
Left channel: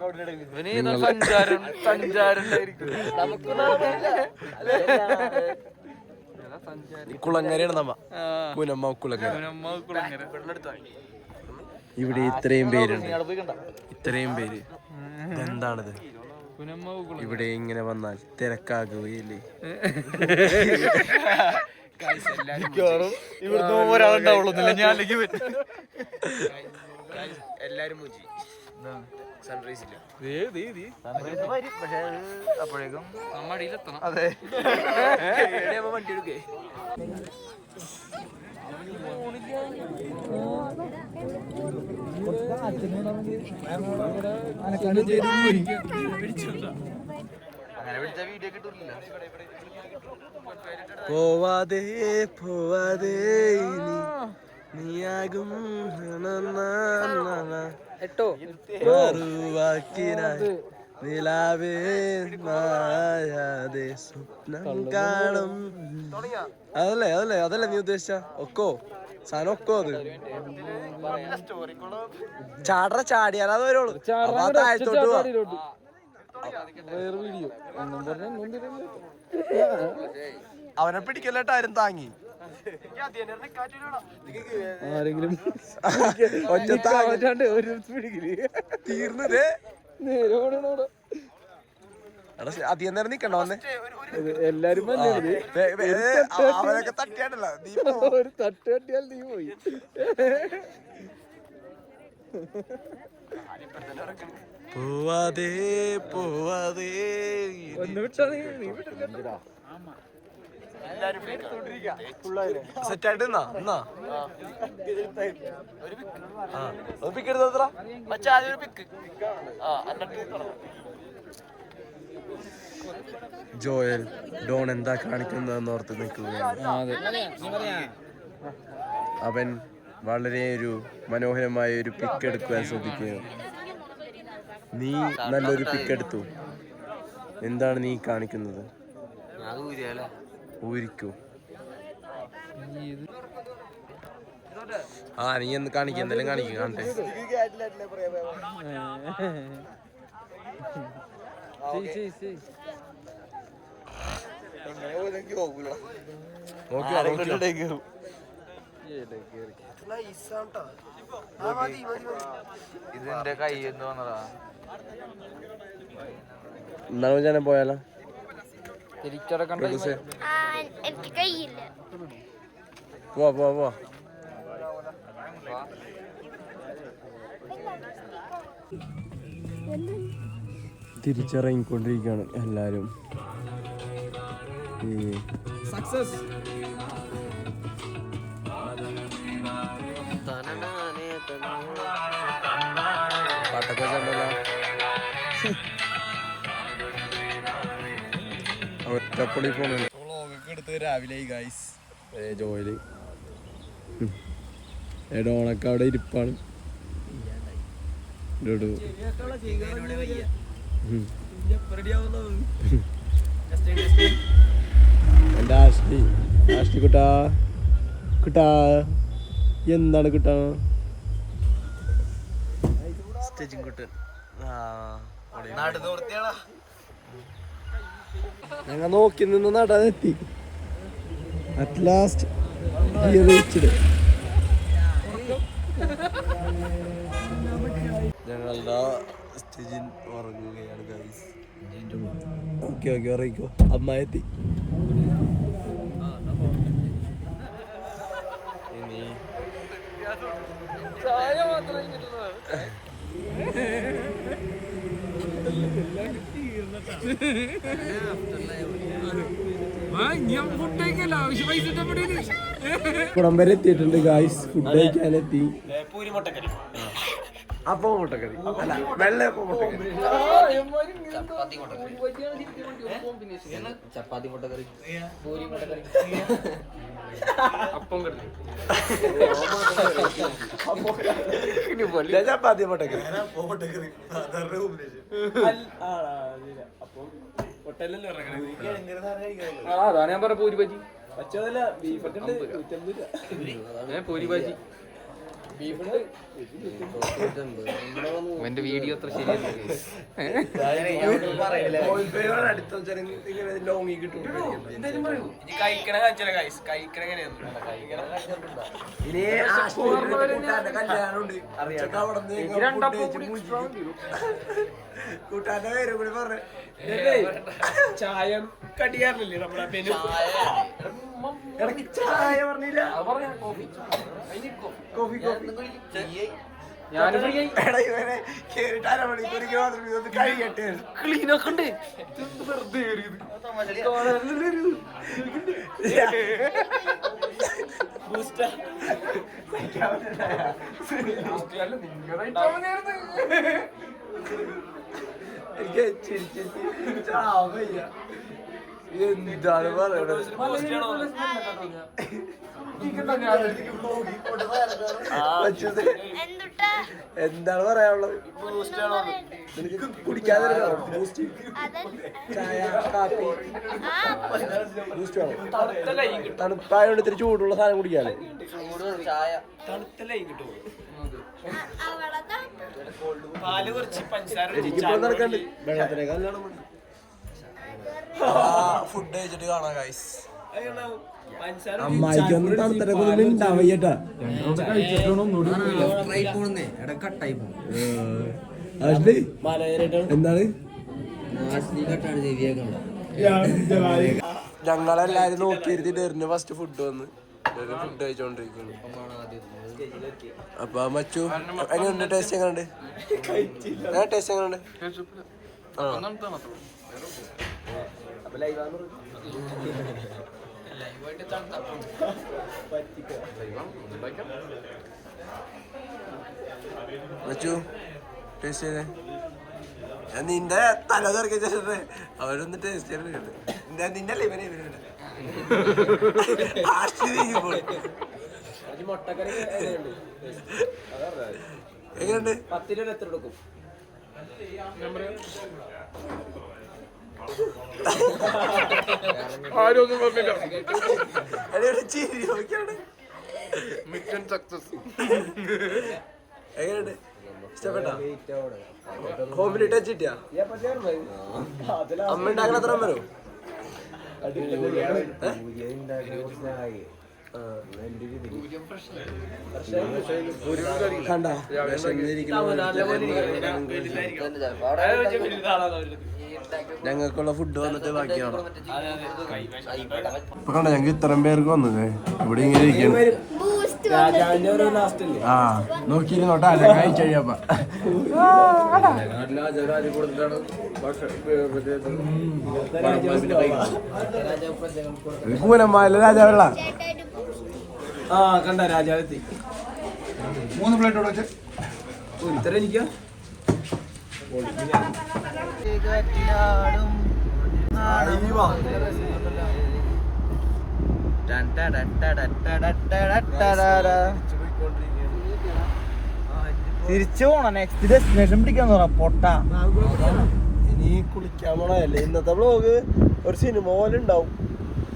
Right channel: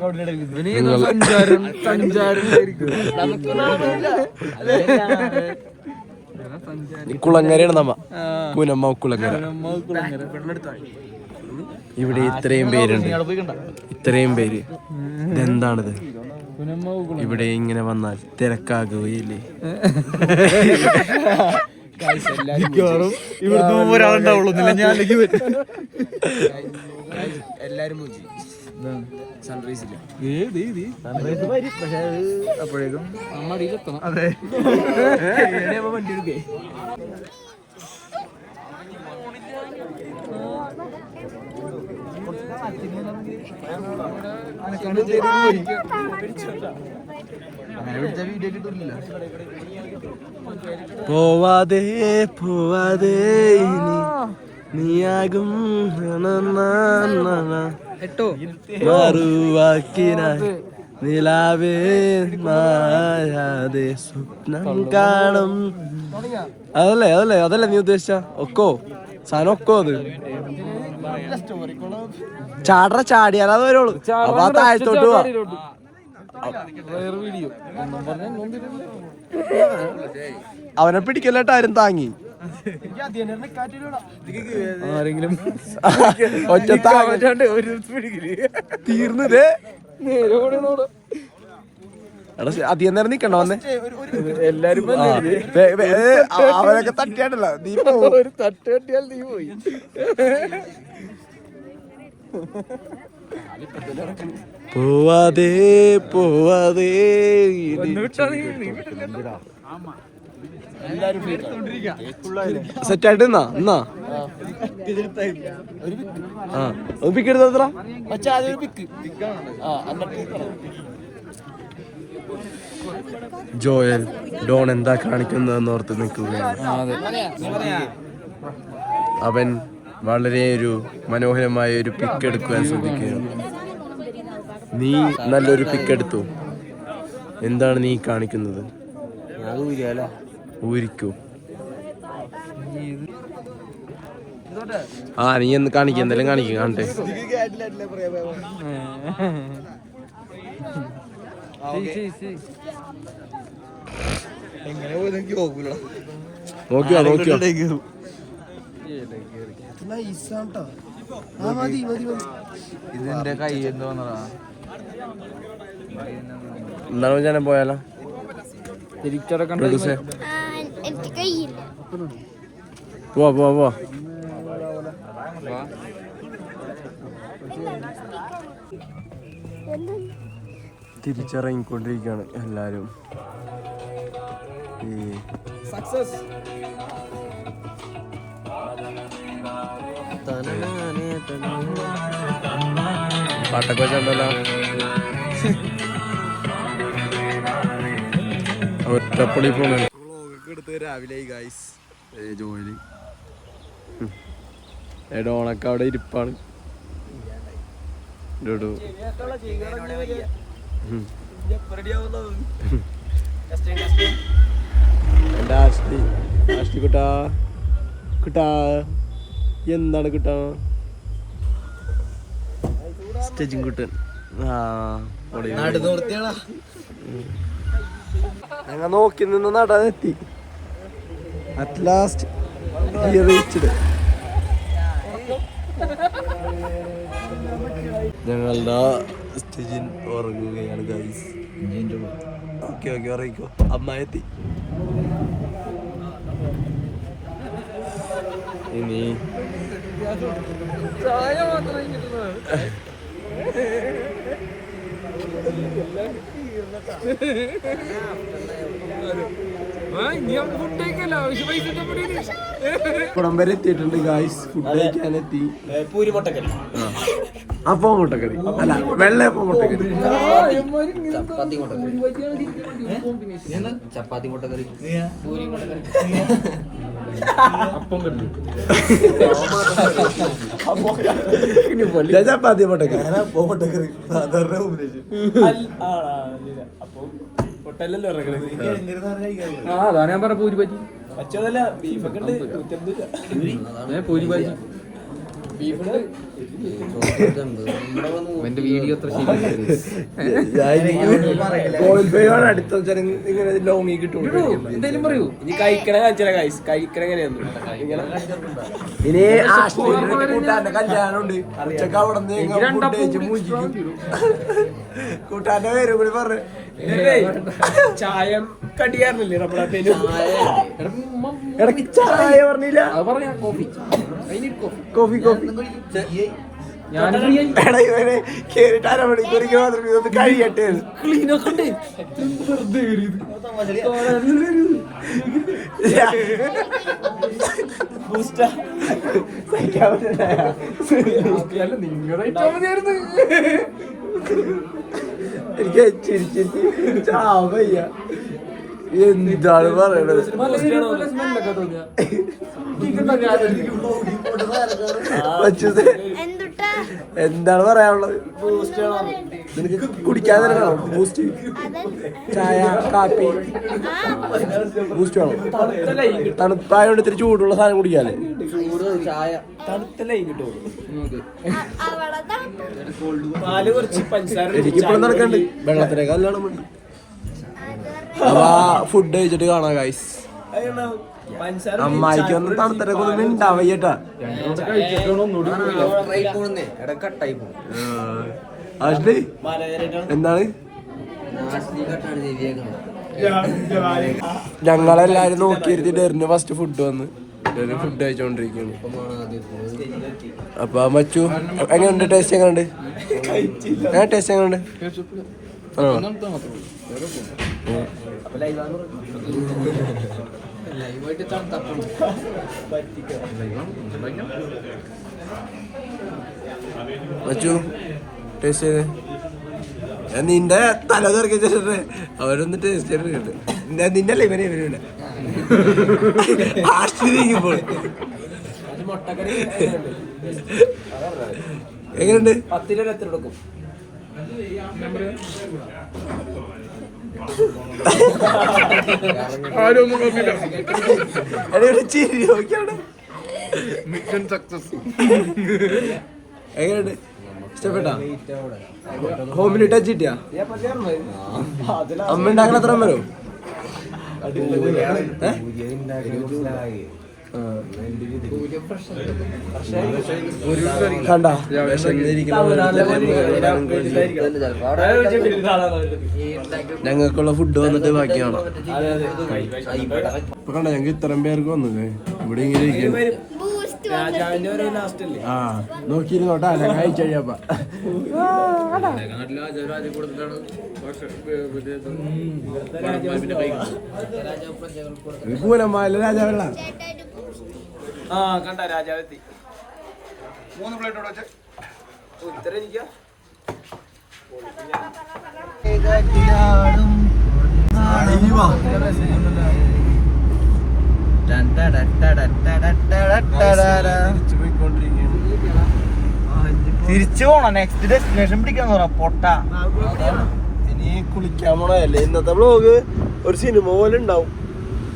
കുളങ്ങരയാണ് നമ്മ പൂനമ്മ കുളങ്ങര ഇവിടെ ഇത്രയും പേരുണ്ട് ഇത്രയും പേര് ഇതെന്താണിത് ഇവിടെ ഇങ്ങനെ വന്നാൽ തിരക്കാകുകയില്ലേ എല്ലാരും സൺറൈസ് ഇല്ല അപ്പോഴേക്കും നമ്മ അടിയിലെത്തണം. അതെ വണ്ടി എടുക്കേ പോവാതെ നീയാകും മറുവാക്കിനായി നിലാവേ മായാതെ സ്വപ്നം കാണും. അതല്ലേ നീ ഉദ്ദേശിച്ച ഒക്കോ സാധനം ഒക്കോ അത് ചാടിയാലേ അത് വരുള്ളൂ. അപ്പൊ ആ താഴത്തോട്ട് പോവാ. അവനെ പിടിക്കല്ലേട്ട് ആരും താങ്ങി ഒറ്റ തീർന്നതേ അധികം നേരം നിക്കണോ വന്നെ എല്ലാരും അവരൊക്കെ തട്ടിയാണ്ടല്ലോ നീ തട്ട് കട്ടിയാൽ നീ പോയി. പോവാതെ സെറ്റായിട്ട് എന്നാ പിക്ക് എടുത്ത ജോയൽ ഡോൺ എന്താ കാണിക്കുന്നതെന്ന് ഓർത്ത് നിൽക്കുകയാണ്. അവൻ വളരെ ഒരു മനോഹരമായ ഒരു പിക്ക് എടുക്കാൻ ശ്രമിക്കുന്നു. നീ നല്ലൊരു പിക്ക് എടുത്തു. എന്താണ് നീ കാണിക്കുന്നത്? ഊരിക്കൂ. നീ എന്ന് കാണിക്ക, എന്തെങ്കിലും കാണിക്കും കാണട്ടെ. നോക്കിയോ ഇതിന്റെ കൈ വന്നതാ. എന്താണ് ഞാൻ പോയാലോ പോവാ തിരിച്ചിറങ്ങിക്കൊണ്ടിരിക്കുകയാണ് എല്ലാരും. സക്സസ് പാട്ടൊക്കെ വെച്ചോണ്ടല്ലോ. ഒറ്റപ്പള്ളി പോണ വ്ളോഗൊക്കെ എടുത്ത് രാവിലെ ഗൈസ്. ജോലി ഡോണൊക്കെ അവിടെ ഇരിപ്പാണ്. ഡുഡു എൻ്റെ ആഷ്ടി കുട്ടാ കുട്ടാ എന്താണ് കുട്ടാ സ്റ്റേജിങ് കുട്ടൻ ഞങ്ങൾ നോക്കി നിന്ന് നടാനെത്തി അറ്റ് ലാസ്റ്റ് ഞങ്ങളുടെ സ്റ്റേജിൽ ഉറങ്ങുകയാണ് ഗൈസ്. ഓക്കെ ഓക്കെ ഉറങ്ങിക്കോ. അമ്മ എത്തി. ഇനി കുളം വരെ എത്തിയിട്ടുണ്ട് ഗായ്സ്. ഫുഡ് കഴിക്കാനെത്തി. പൂരി മുട്ടക്കറി, അപ്പം മുട്ടക്കറി അല്ല വെള്ളയപ്പം മുട്ടക്കറി, ചപ്പാത്തി മുട്ടക്കറി, ചപ്പാത്തി മുട്ടക്കറി, പൂരി മുട്ടക്കറി, അപ്പം കണ്ടു ചപ്പാത്തി മുട്ടക്കറി മുട്ടക്കറി സാധാരണ അതാണ് ഞാൻ പറഞ്ഞ പൂരി ബജി, പൂരി ബജി ബീഫുണ്ട്. എന്റെ വീഡിയോ അത്ര ശരിയാണ്. അടുത്ത ഇങ്ങനെ ലോങ്ങി കിട്ടും. എന്തേലും പറയൂ. ഇനി കഴിക്കണ കഴിക്കണ എങ്ങനെയാന്ന് ഇനി കൂട്ടാന്റെ കല്യാണമുണ്ട്. ഉച്ചക്ക് അവിടെ കൂട്ടാന്റെ പേരും കൂടി പറഞ്ഞു ചായ കടിയാറില്ലേ നമ്മുടെ ഇടയ്ക്ക് ചായ പറഞ്ഞില്ല. കോഫി കോഫി കേറിട്ട് അരമണിക്കൂറിക്ക് മാത്രമേ ഒന്ന് കഴിയട്ടെ. ക്ലീനൊക്കെ എനിക്ക് ചിരിച്ചിട്ട് ചാവയ്യ. എന്താണ് പറയണത്? എന്താണ് പറയാനുള്ളത്? നിനക്ക് കുടിക്കാൻ തരണോ ബൂസ്റ്റ്, ചായ, കാപ്പി? ബൂസ്റ്റ് വേണം. തണുപ്പായോണ്ട് ഇത്തിരി ചൂടുള്ള സാധനം കുടിക്കാല്ലേ? ചായ തണുത്തല്ലേ കിട്ടും. പാല് കുറച്ച് പഞ്ചസാര നടക്കണ്ട്. വെള്ളത്തിലേക്ക് കല്യാണം ഉണ്ട്. അപ്പൊ ഫുഡ് കഴിച്ചിട്ട് കാണാം ഗൈസ്. അമ്മായിക്കൊന്നും തണുത്തരൊക്കെ ഒന്നും ഉണ്ടാവയ്യട്ടാ. ആഷ്ലി എന്താണ്? ഞങ്ങളെല്ലാരും നോക്കിയിരുത്തിട്ട് ഫസ്റ്റ് ഫുഡ് വന്ന് ഫുഡ് കഴിച്ചോണ്ടിരിക്കുന്നു. അപ്പൊ മച്ചു എങ്ങനെയുണ്ട്? ടേസ്റ്റ് എങ്ങനെയുണ്ട്? ടേസ്റ്റ് എങ്ങനെയുണ്ട്? മച്ചു ടേസ്റ്റ് ചെയ്ത് നിന്റെ തല തുറക്കി വെച്ചിട്ട് അവരൊന്ന് ടേസ്റ്റ് ചെയ്തിട്ട് നിന്റെ അല്ലേ ഇവരെ ഇവരുടെ ആശ്ചര്യക്കുമ്പോൾ എങ്ങനെയുണ്ട്? ചിരി നോക്കിയാണ്. എങ്ങനെയുണ്ട്? ഇഷ്ടപ്പെട്ടാ? ഹോമിലി ടച്ച് കിട്ടിയാ? അമ്മ ഉണ്ടാക്കണ അത്ര വരും? കണ്ട ഞങ്ങൾക്കുള്ള ഫുഡ് വന്നിട്ട് ബാക്കി കാണാം. കണ്ട ഞങ്ങൾക്ക് ഇത്രയും പേർക്ക് വന്നത് ഇവിടെ ഇങ്ങനെ ആ നോക്കിയിരുന്നോട്ടെ കഴിച്ചു കഴിഞ്ഞപ്പോ പൂരന്മാരിലെ രാജാവെള്ള ആ കണ്ട രാജാവെത്തി. 3 പ്ലേറ്റ് ഇത്ര എനിക്കാ തിരിച്ചു പോണം. നെക്സ്റ്റ് ഡെസ്റ്റിനേഷൻ പിടിക്കാൻ പൊട്ട. ഇനി കുളിക്കാൻ പോണല്ലേ. ഇന്നത്തെ വ്ളോഗ് ഒരു സിനിമ പോലെ ഉണ്ടാവും.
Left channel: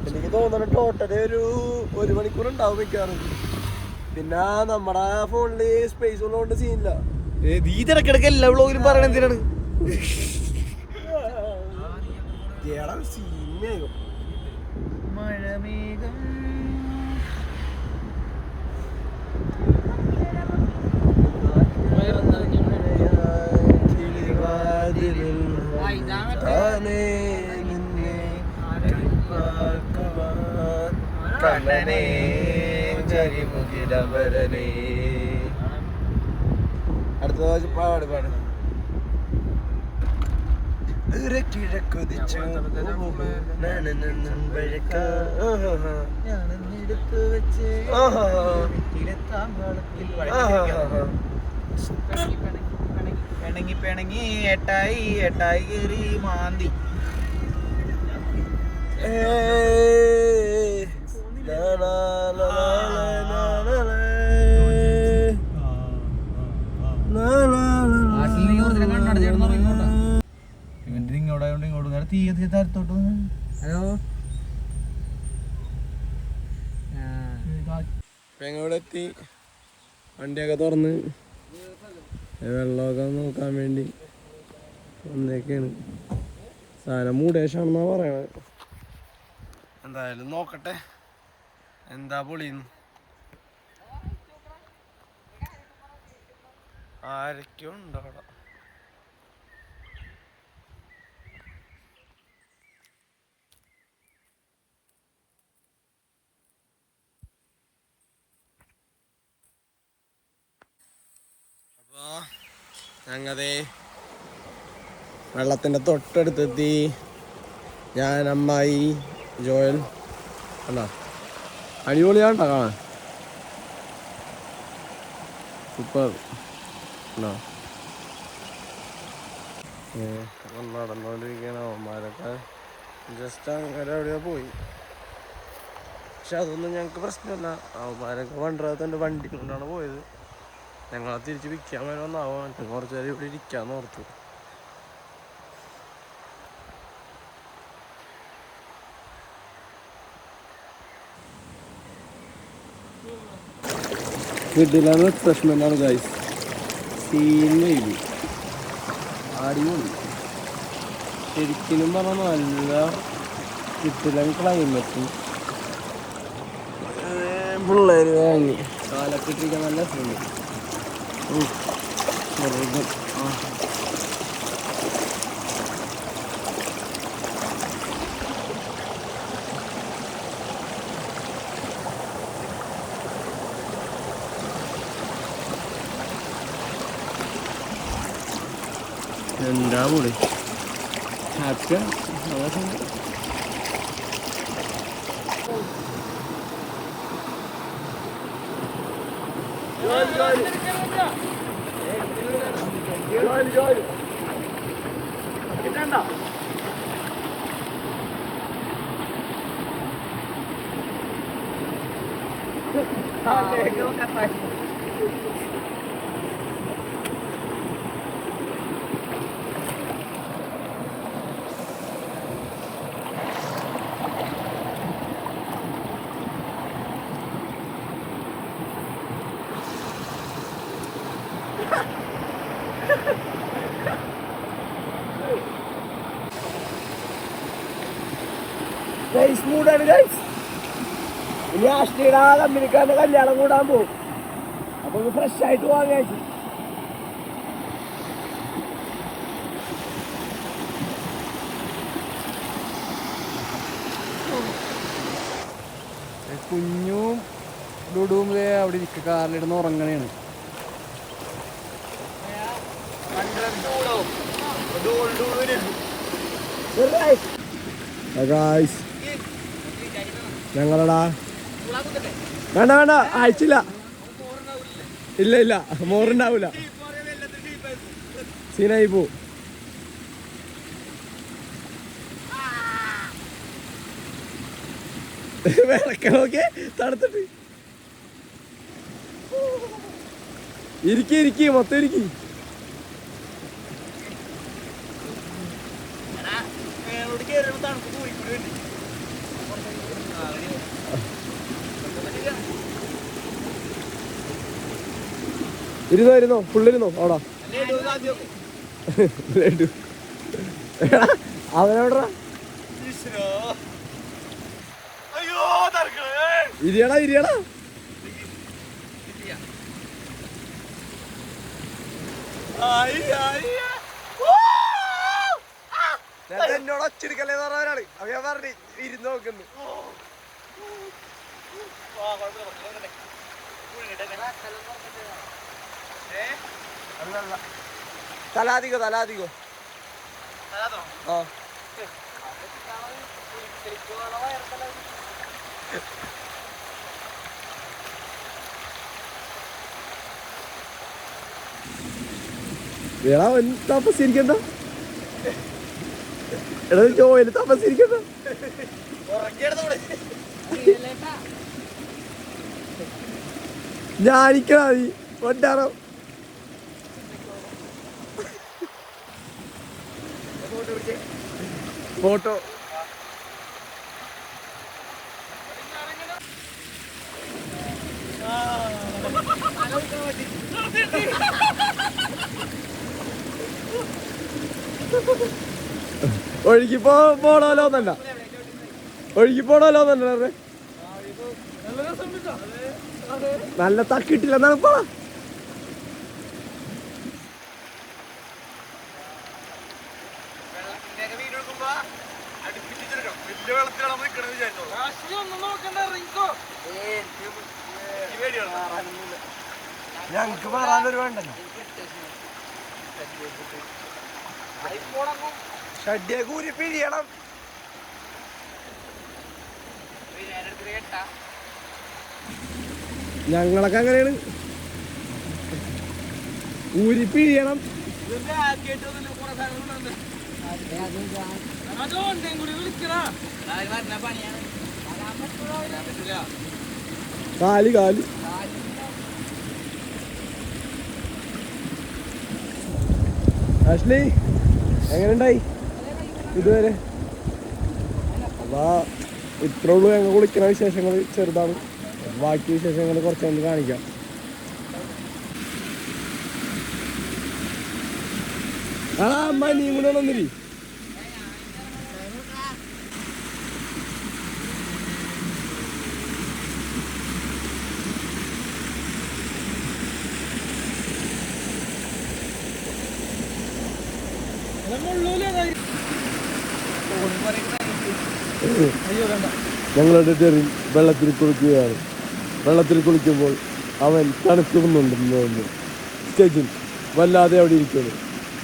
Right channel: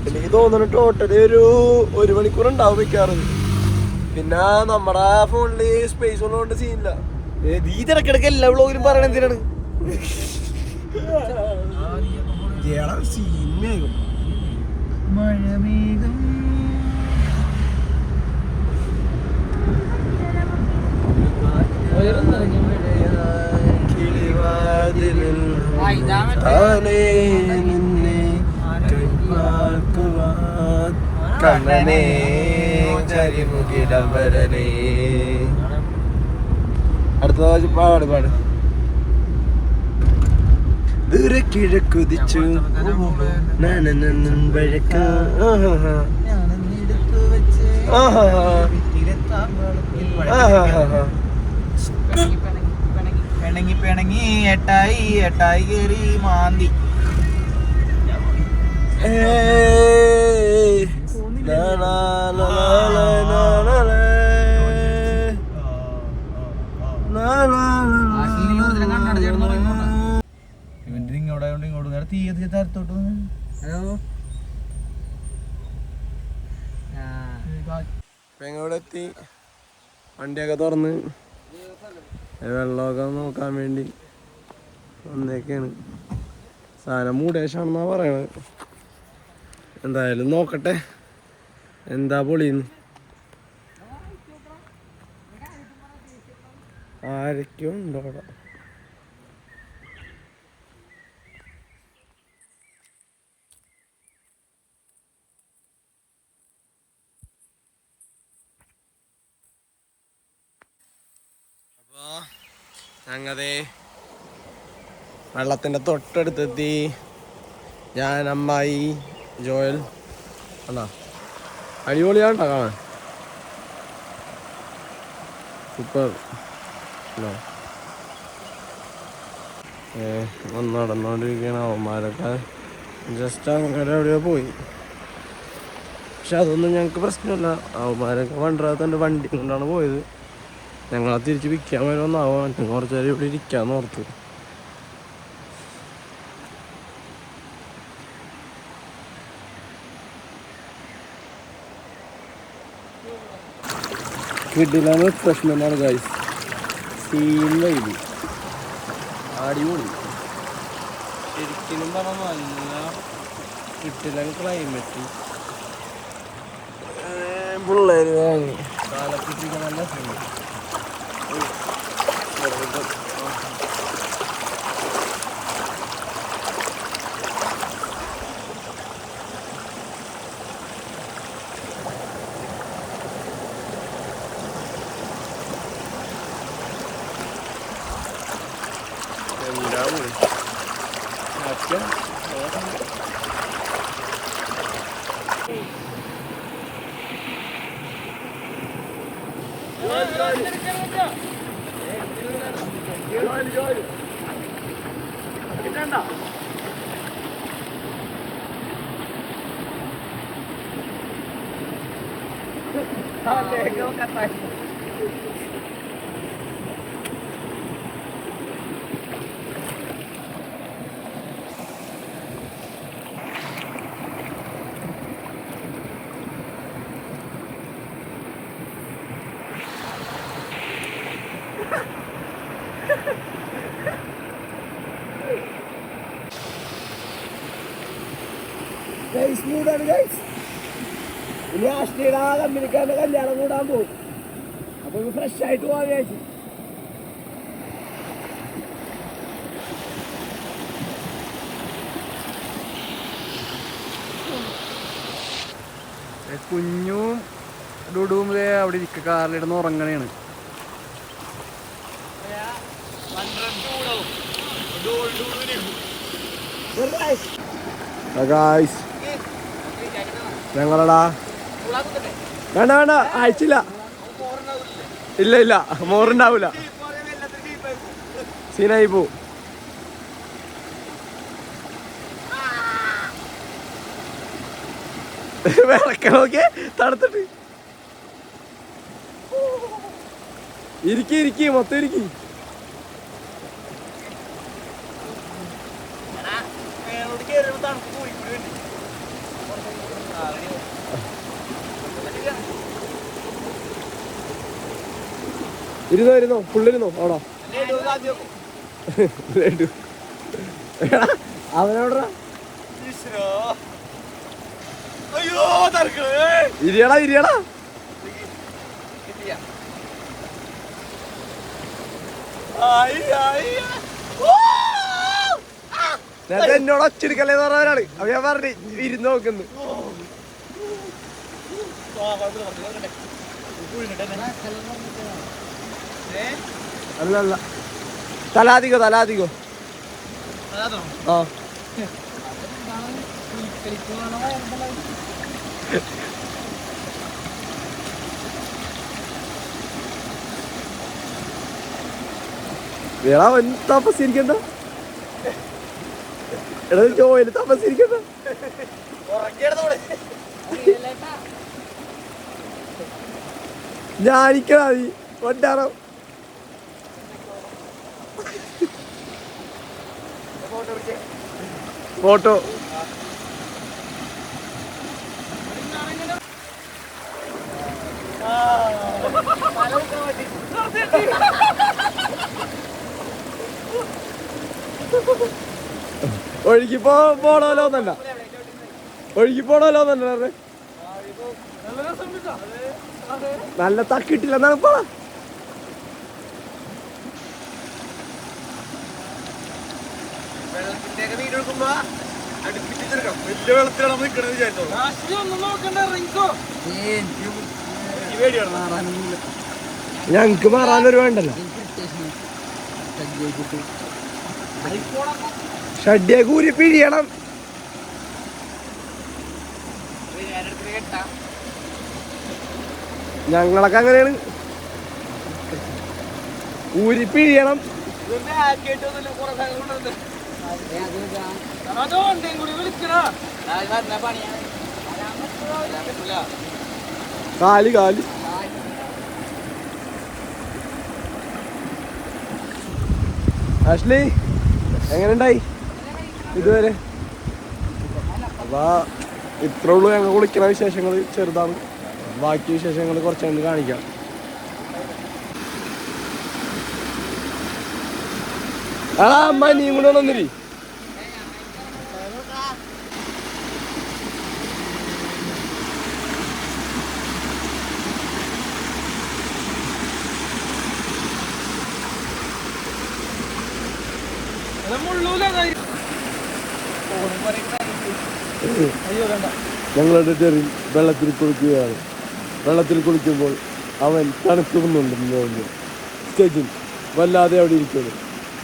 എനിക്ക് തോന്നുന്നു ടോട്ടലി ഒരു മണിക്കൂർ ഉണ്ടാവും വെക്കാറ്. പിന്നെ നമ്മുടെ ഫോണില് സ്പേസ് ഉള്ളതുകൊണ്ട് സീനില്ല. നീ തിരക്കിടക്ക് എല്ലാ വ്ളോഗിലും പറയണ എന്തിനാണ്? സിനിമയാകും. അടുത്ത പാട് പാട്. കിഴക്കുതിച്ചു പിണങ്ങി ഏട്ടായി കേറി മാന്തി. എത്തി വണ്ടിയൊക്കെ തുറന്ന് വെള്ളമൊക്കെ നോക്കാൻ വേണ്ടി വന്നേക്കാണ്. സാധനം മൂടേശാണെന്നാ പറയണത്. എന്തായാലും നോക്കട്ടെ എന്താ പൊളിന്ന്. ആരൊക്കെയോ ഉണ്ടോ അവിടെ. ഞങ്ങതേ വെള്ളത്തിൻ്റെ തൊട്ടടുത്തെത്തി. ഞാൻ, അമ്മായി, ജോയൽ. അല്ല അടിപൊളിയാണ്ടോ? സൂപ്പർ. നടന്നുകൊണ്ടിരിക്കുകയാണ്. അവന്മാരൊക്കെ ജസ്റ്റ് അങ്ങനെ എവിടെയോ പോയി. പക്ഷെ അതൊന്നും ഞങ്ങൾക്ക് പ്രശ്നമില്ല. അവന്മാരൊക്കെ വണ്ടറാത്തൻ്റെ വണ്ടി കൊണ്ടാണ് പോയത്. ഞങ്ങളെ തിരിച്ച് വിൽക്കാൻ വരുമെന്നാവും. കുറച്ച് നേരം ഇവിടെ ഇരിക്കാന്ന് ഓർത്ത്. വീട്ടിലാണ് പ്രശ്നമാണ് ഗൈസ്. സീനില്ല അടിപൊളി. ശരിക്കും പറഞ്ഞാൽ നല്ല കിട്ടില്ല ക്ലൈമറ്റ്. പിള്ളേർ വാങ്ങി പാലക്കിട്ടിരിക്കാൻ നല്ല സീൻ. മൂടാണ് ഗൈസ്. ഇനി ആഷ്ടിയുടെ ആ കമ്പനിക്കാരൻ്റെ കല്യാണം കൂടാൻ പോകും. അപ്പൊ ഫ്രഷ് ആയിട്ട് പോകാൻ കഴിച്ചു. കുഞ്ഞും ഡുഡും അവിടെ ഇരിക്കുക. കാറിലിടുന്ന് ഉറങ്ങണേണ്. ഞങ്ങളടാ വേണ്ട വേണ്ട അയച്ചില്ല. ഇല്ല മോറുണ്ടാവൂല. സീനായി പോ. വിറക്ക നോക്കിയേ തണുത്തിട്ട്. ഇരിക്കി മൊത്തം ഇരിക്കി. ഇരുന്നോ ഫുള്ളിരുന്നോ അവിടെ അവനോടാ ഇരിയടാ എന്നോട് ഒച്ചെടുക്കല്ലേന്ന് പറഞ്ഞവരാണ്. അപ്പൊ ഞാൻ പറഞ്ഞു ഇരുന്ന് നോക്കുന്നു. അല്ല തലാധികോ ആ വേള തപസ്സിരിക്കണ്ട. എടാ ജോയില് തപസ്സിരിക്കണ്ട. ഞാനിക്കണ നീ കൊണ്ടാണോ ഫോട്ടോ ഒഴുകി പോണോന്നല്ല നല്ല തക്കിട്ടില്ലെന്നാണ് ഇപ്പൊ. ഞങ്ങക്ക് മാറാനൊരു വേണ്ടല്ലോ. ഷഡ്യ കൂരി പിഴിയണം. ഞങ്ങളൊക്കെ അങ്ങനെയാണ്, ഊരി പിഴിയണം. കാലി ആഷ്ലി എങ്ങനെയുണ്ടായി ഇതുവരെ? അതാ ഇത്ര ഉള്ളൂ ഞങ്ങൾ കുളിക്കുന്ന വിശേഷങ്ങൾ. ചെറുതാണ്, ബാക്കി വിശേഷങ്ങൾ കുറച്ചൊന്ന് കാണിക്കാം. അമ്മ നീ കൂടെ വന്നിരി. ഞങ്ങളുടെ ചെറിയ വെള്ളത്തിൽ കുളിക്കുകയാണ്. വെള്ളത്തിൽ കുളിക്കുമ്പോൾ അവൻ തണുക്കുന്നുണ്ടെന്ന് തോന്നുന്നു. സ്റ്റേജിൽ വല്ലാതെ അവിടെ ഇരിക്കുന്നു.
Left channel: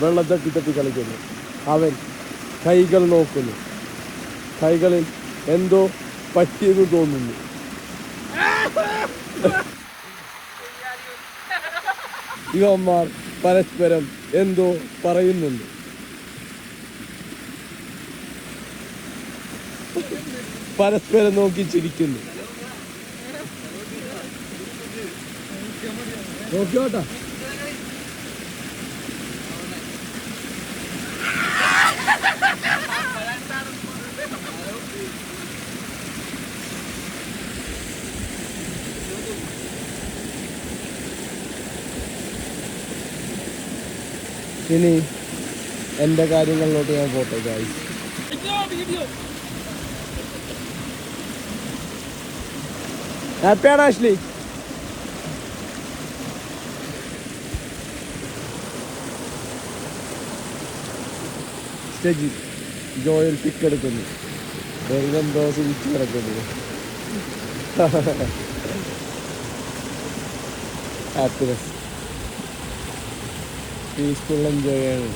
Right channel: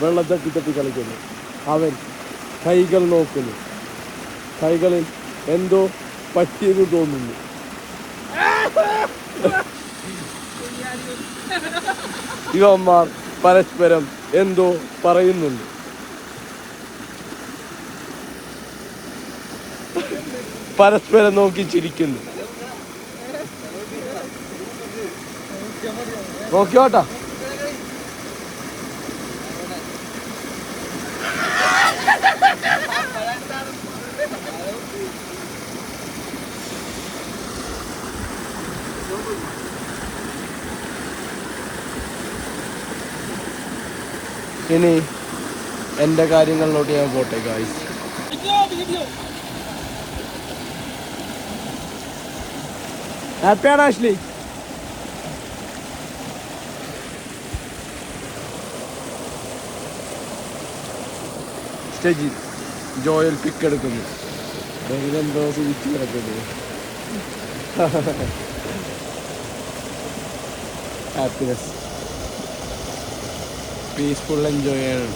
വെള്ളം തട്ടി കളിക്കുന്നു. അവൻ കൈകൾ നോക്കുന്നു. കൈകളിൽ എന്തോ പറ്റിയെന്ന് തോന്നുന്നു. ഇവന്മാർ പരസ്പരം എന്തോ പറയുന്നുണ്ട്. പരസ്പരം നോക്കി ചിരിക്കുന്നു. നോക്കിയോട്ടാ. ഇനി എൻ്റെ കാര്യങ്ങളിലോട്ട് ഞാൻ പോട്ടെ ഗായ്സ്. ഹാപ്പിയാണ് ആഷ്ലി? സ്റ്റേജിൽ ജോയൽ പിക്ക് എടുക്കുന്നു. എന്തോ സൂചിച്ച് കിടക്കുന്നു. ഹാപ്പിനെസ്, പീസ്ഫുൾ എൻജോയ് ചെയ്യണം.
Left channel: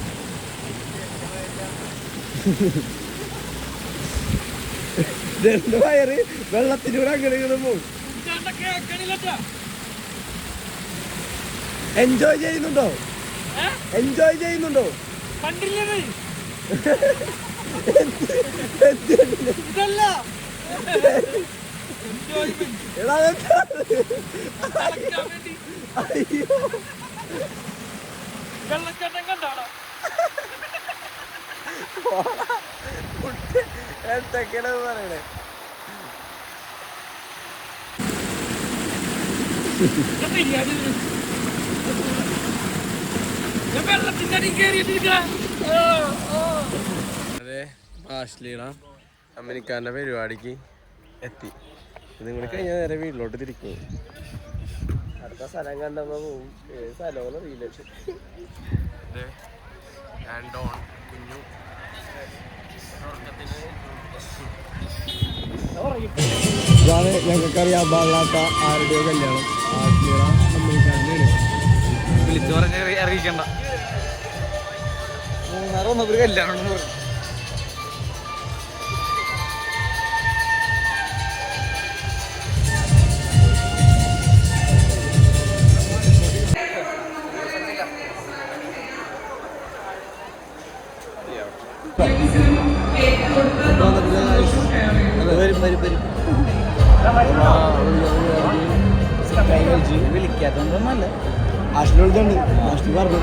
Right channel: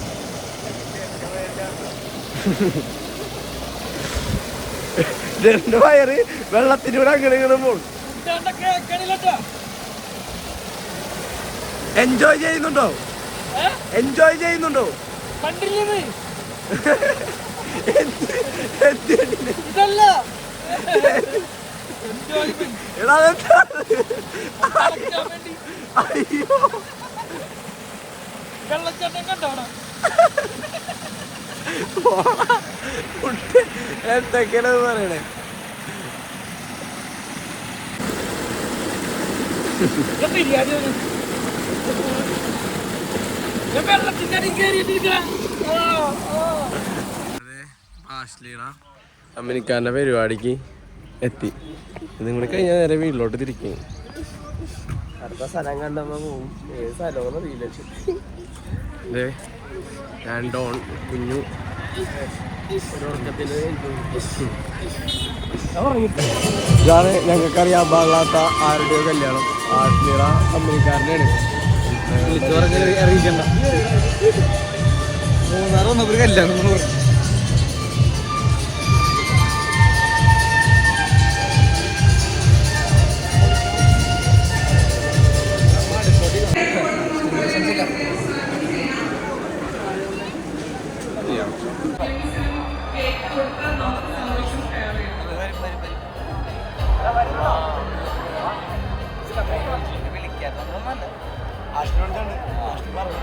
രണ്ട് വയറ് വെള്ളത്തിലൂടെ അങ്ങനെ പോകും. എൻജോയ് ചെയ്യുന്നുണ്ടോ? ഇതല്ല അയ്യോ വെള്ളച്ചാട്ടം കണ്ടോടാ എന്തൊക്കെയാണ് പറയണേ? ബിരിയാണി വെള്ളത്തിന്റെ അടി കയറിയിട്ടിരിക്കണ. അതെ, ആശ്ലീണ അമ്മനിക്കാരൻ്റെ പരിപാടിക്ക് എത്തി. നിങ്ങൾ കഴിഞ്ഞാൽ നേരെ വീട്ടിലോട്ട് തിരിക്കും. അടുത്ത സ്ഥലം കണ്ടപ്പോൾ പോകും. സ്ഥലമൊന്നും അറിയില്ല. അതെ, ഞാൻ ഡോൺ കുഞ്ഞു. ഇതാണ് ഞങ്ങൾക്കറിയാൻ പാടില്ലാത്ത ആരുടെ കല്യാണം. ആശ്ലീണ അമ്മനിക്കാരനാണ്. വിളിച്ചു പറഞ്ഞ് അറിയിക്കണ്ട. ഒരു കല്യാണം എന്ന് പറഞ്ഞു. വിളിക്കാത്തല്ല ആശ്ലി വിളിച്ചുണ്ട്. ആശ്ലി പറഞ്ഞു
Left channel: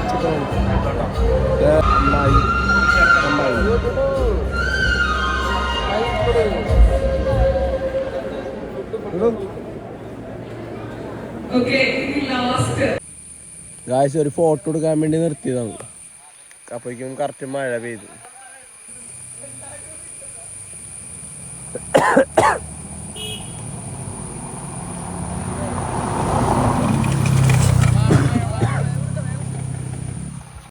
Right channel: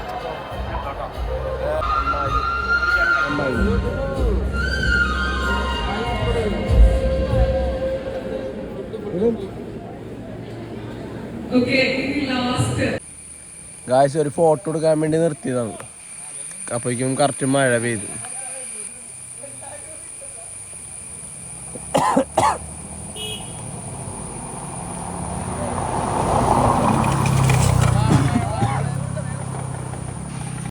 ഗായ്സ് ഒരു ഫോട്ടോ എടുക്കാൻ വേണ്ടി നിർത്തിയതാണ്. അപ്പോഴേക്കും കറക്റ്റ് മഴ പെയ്തു.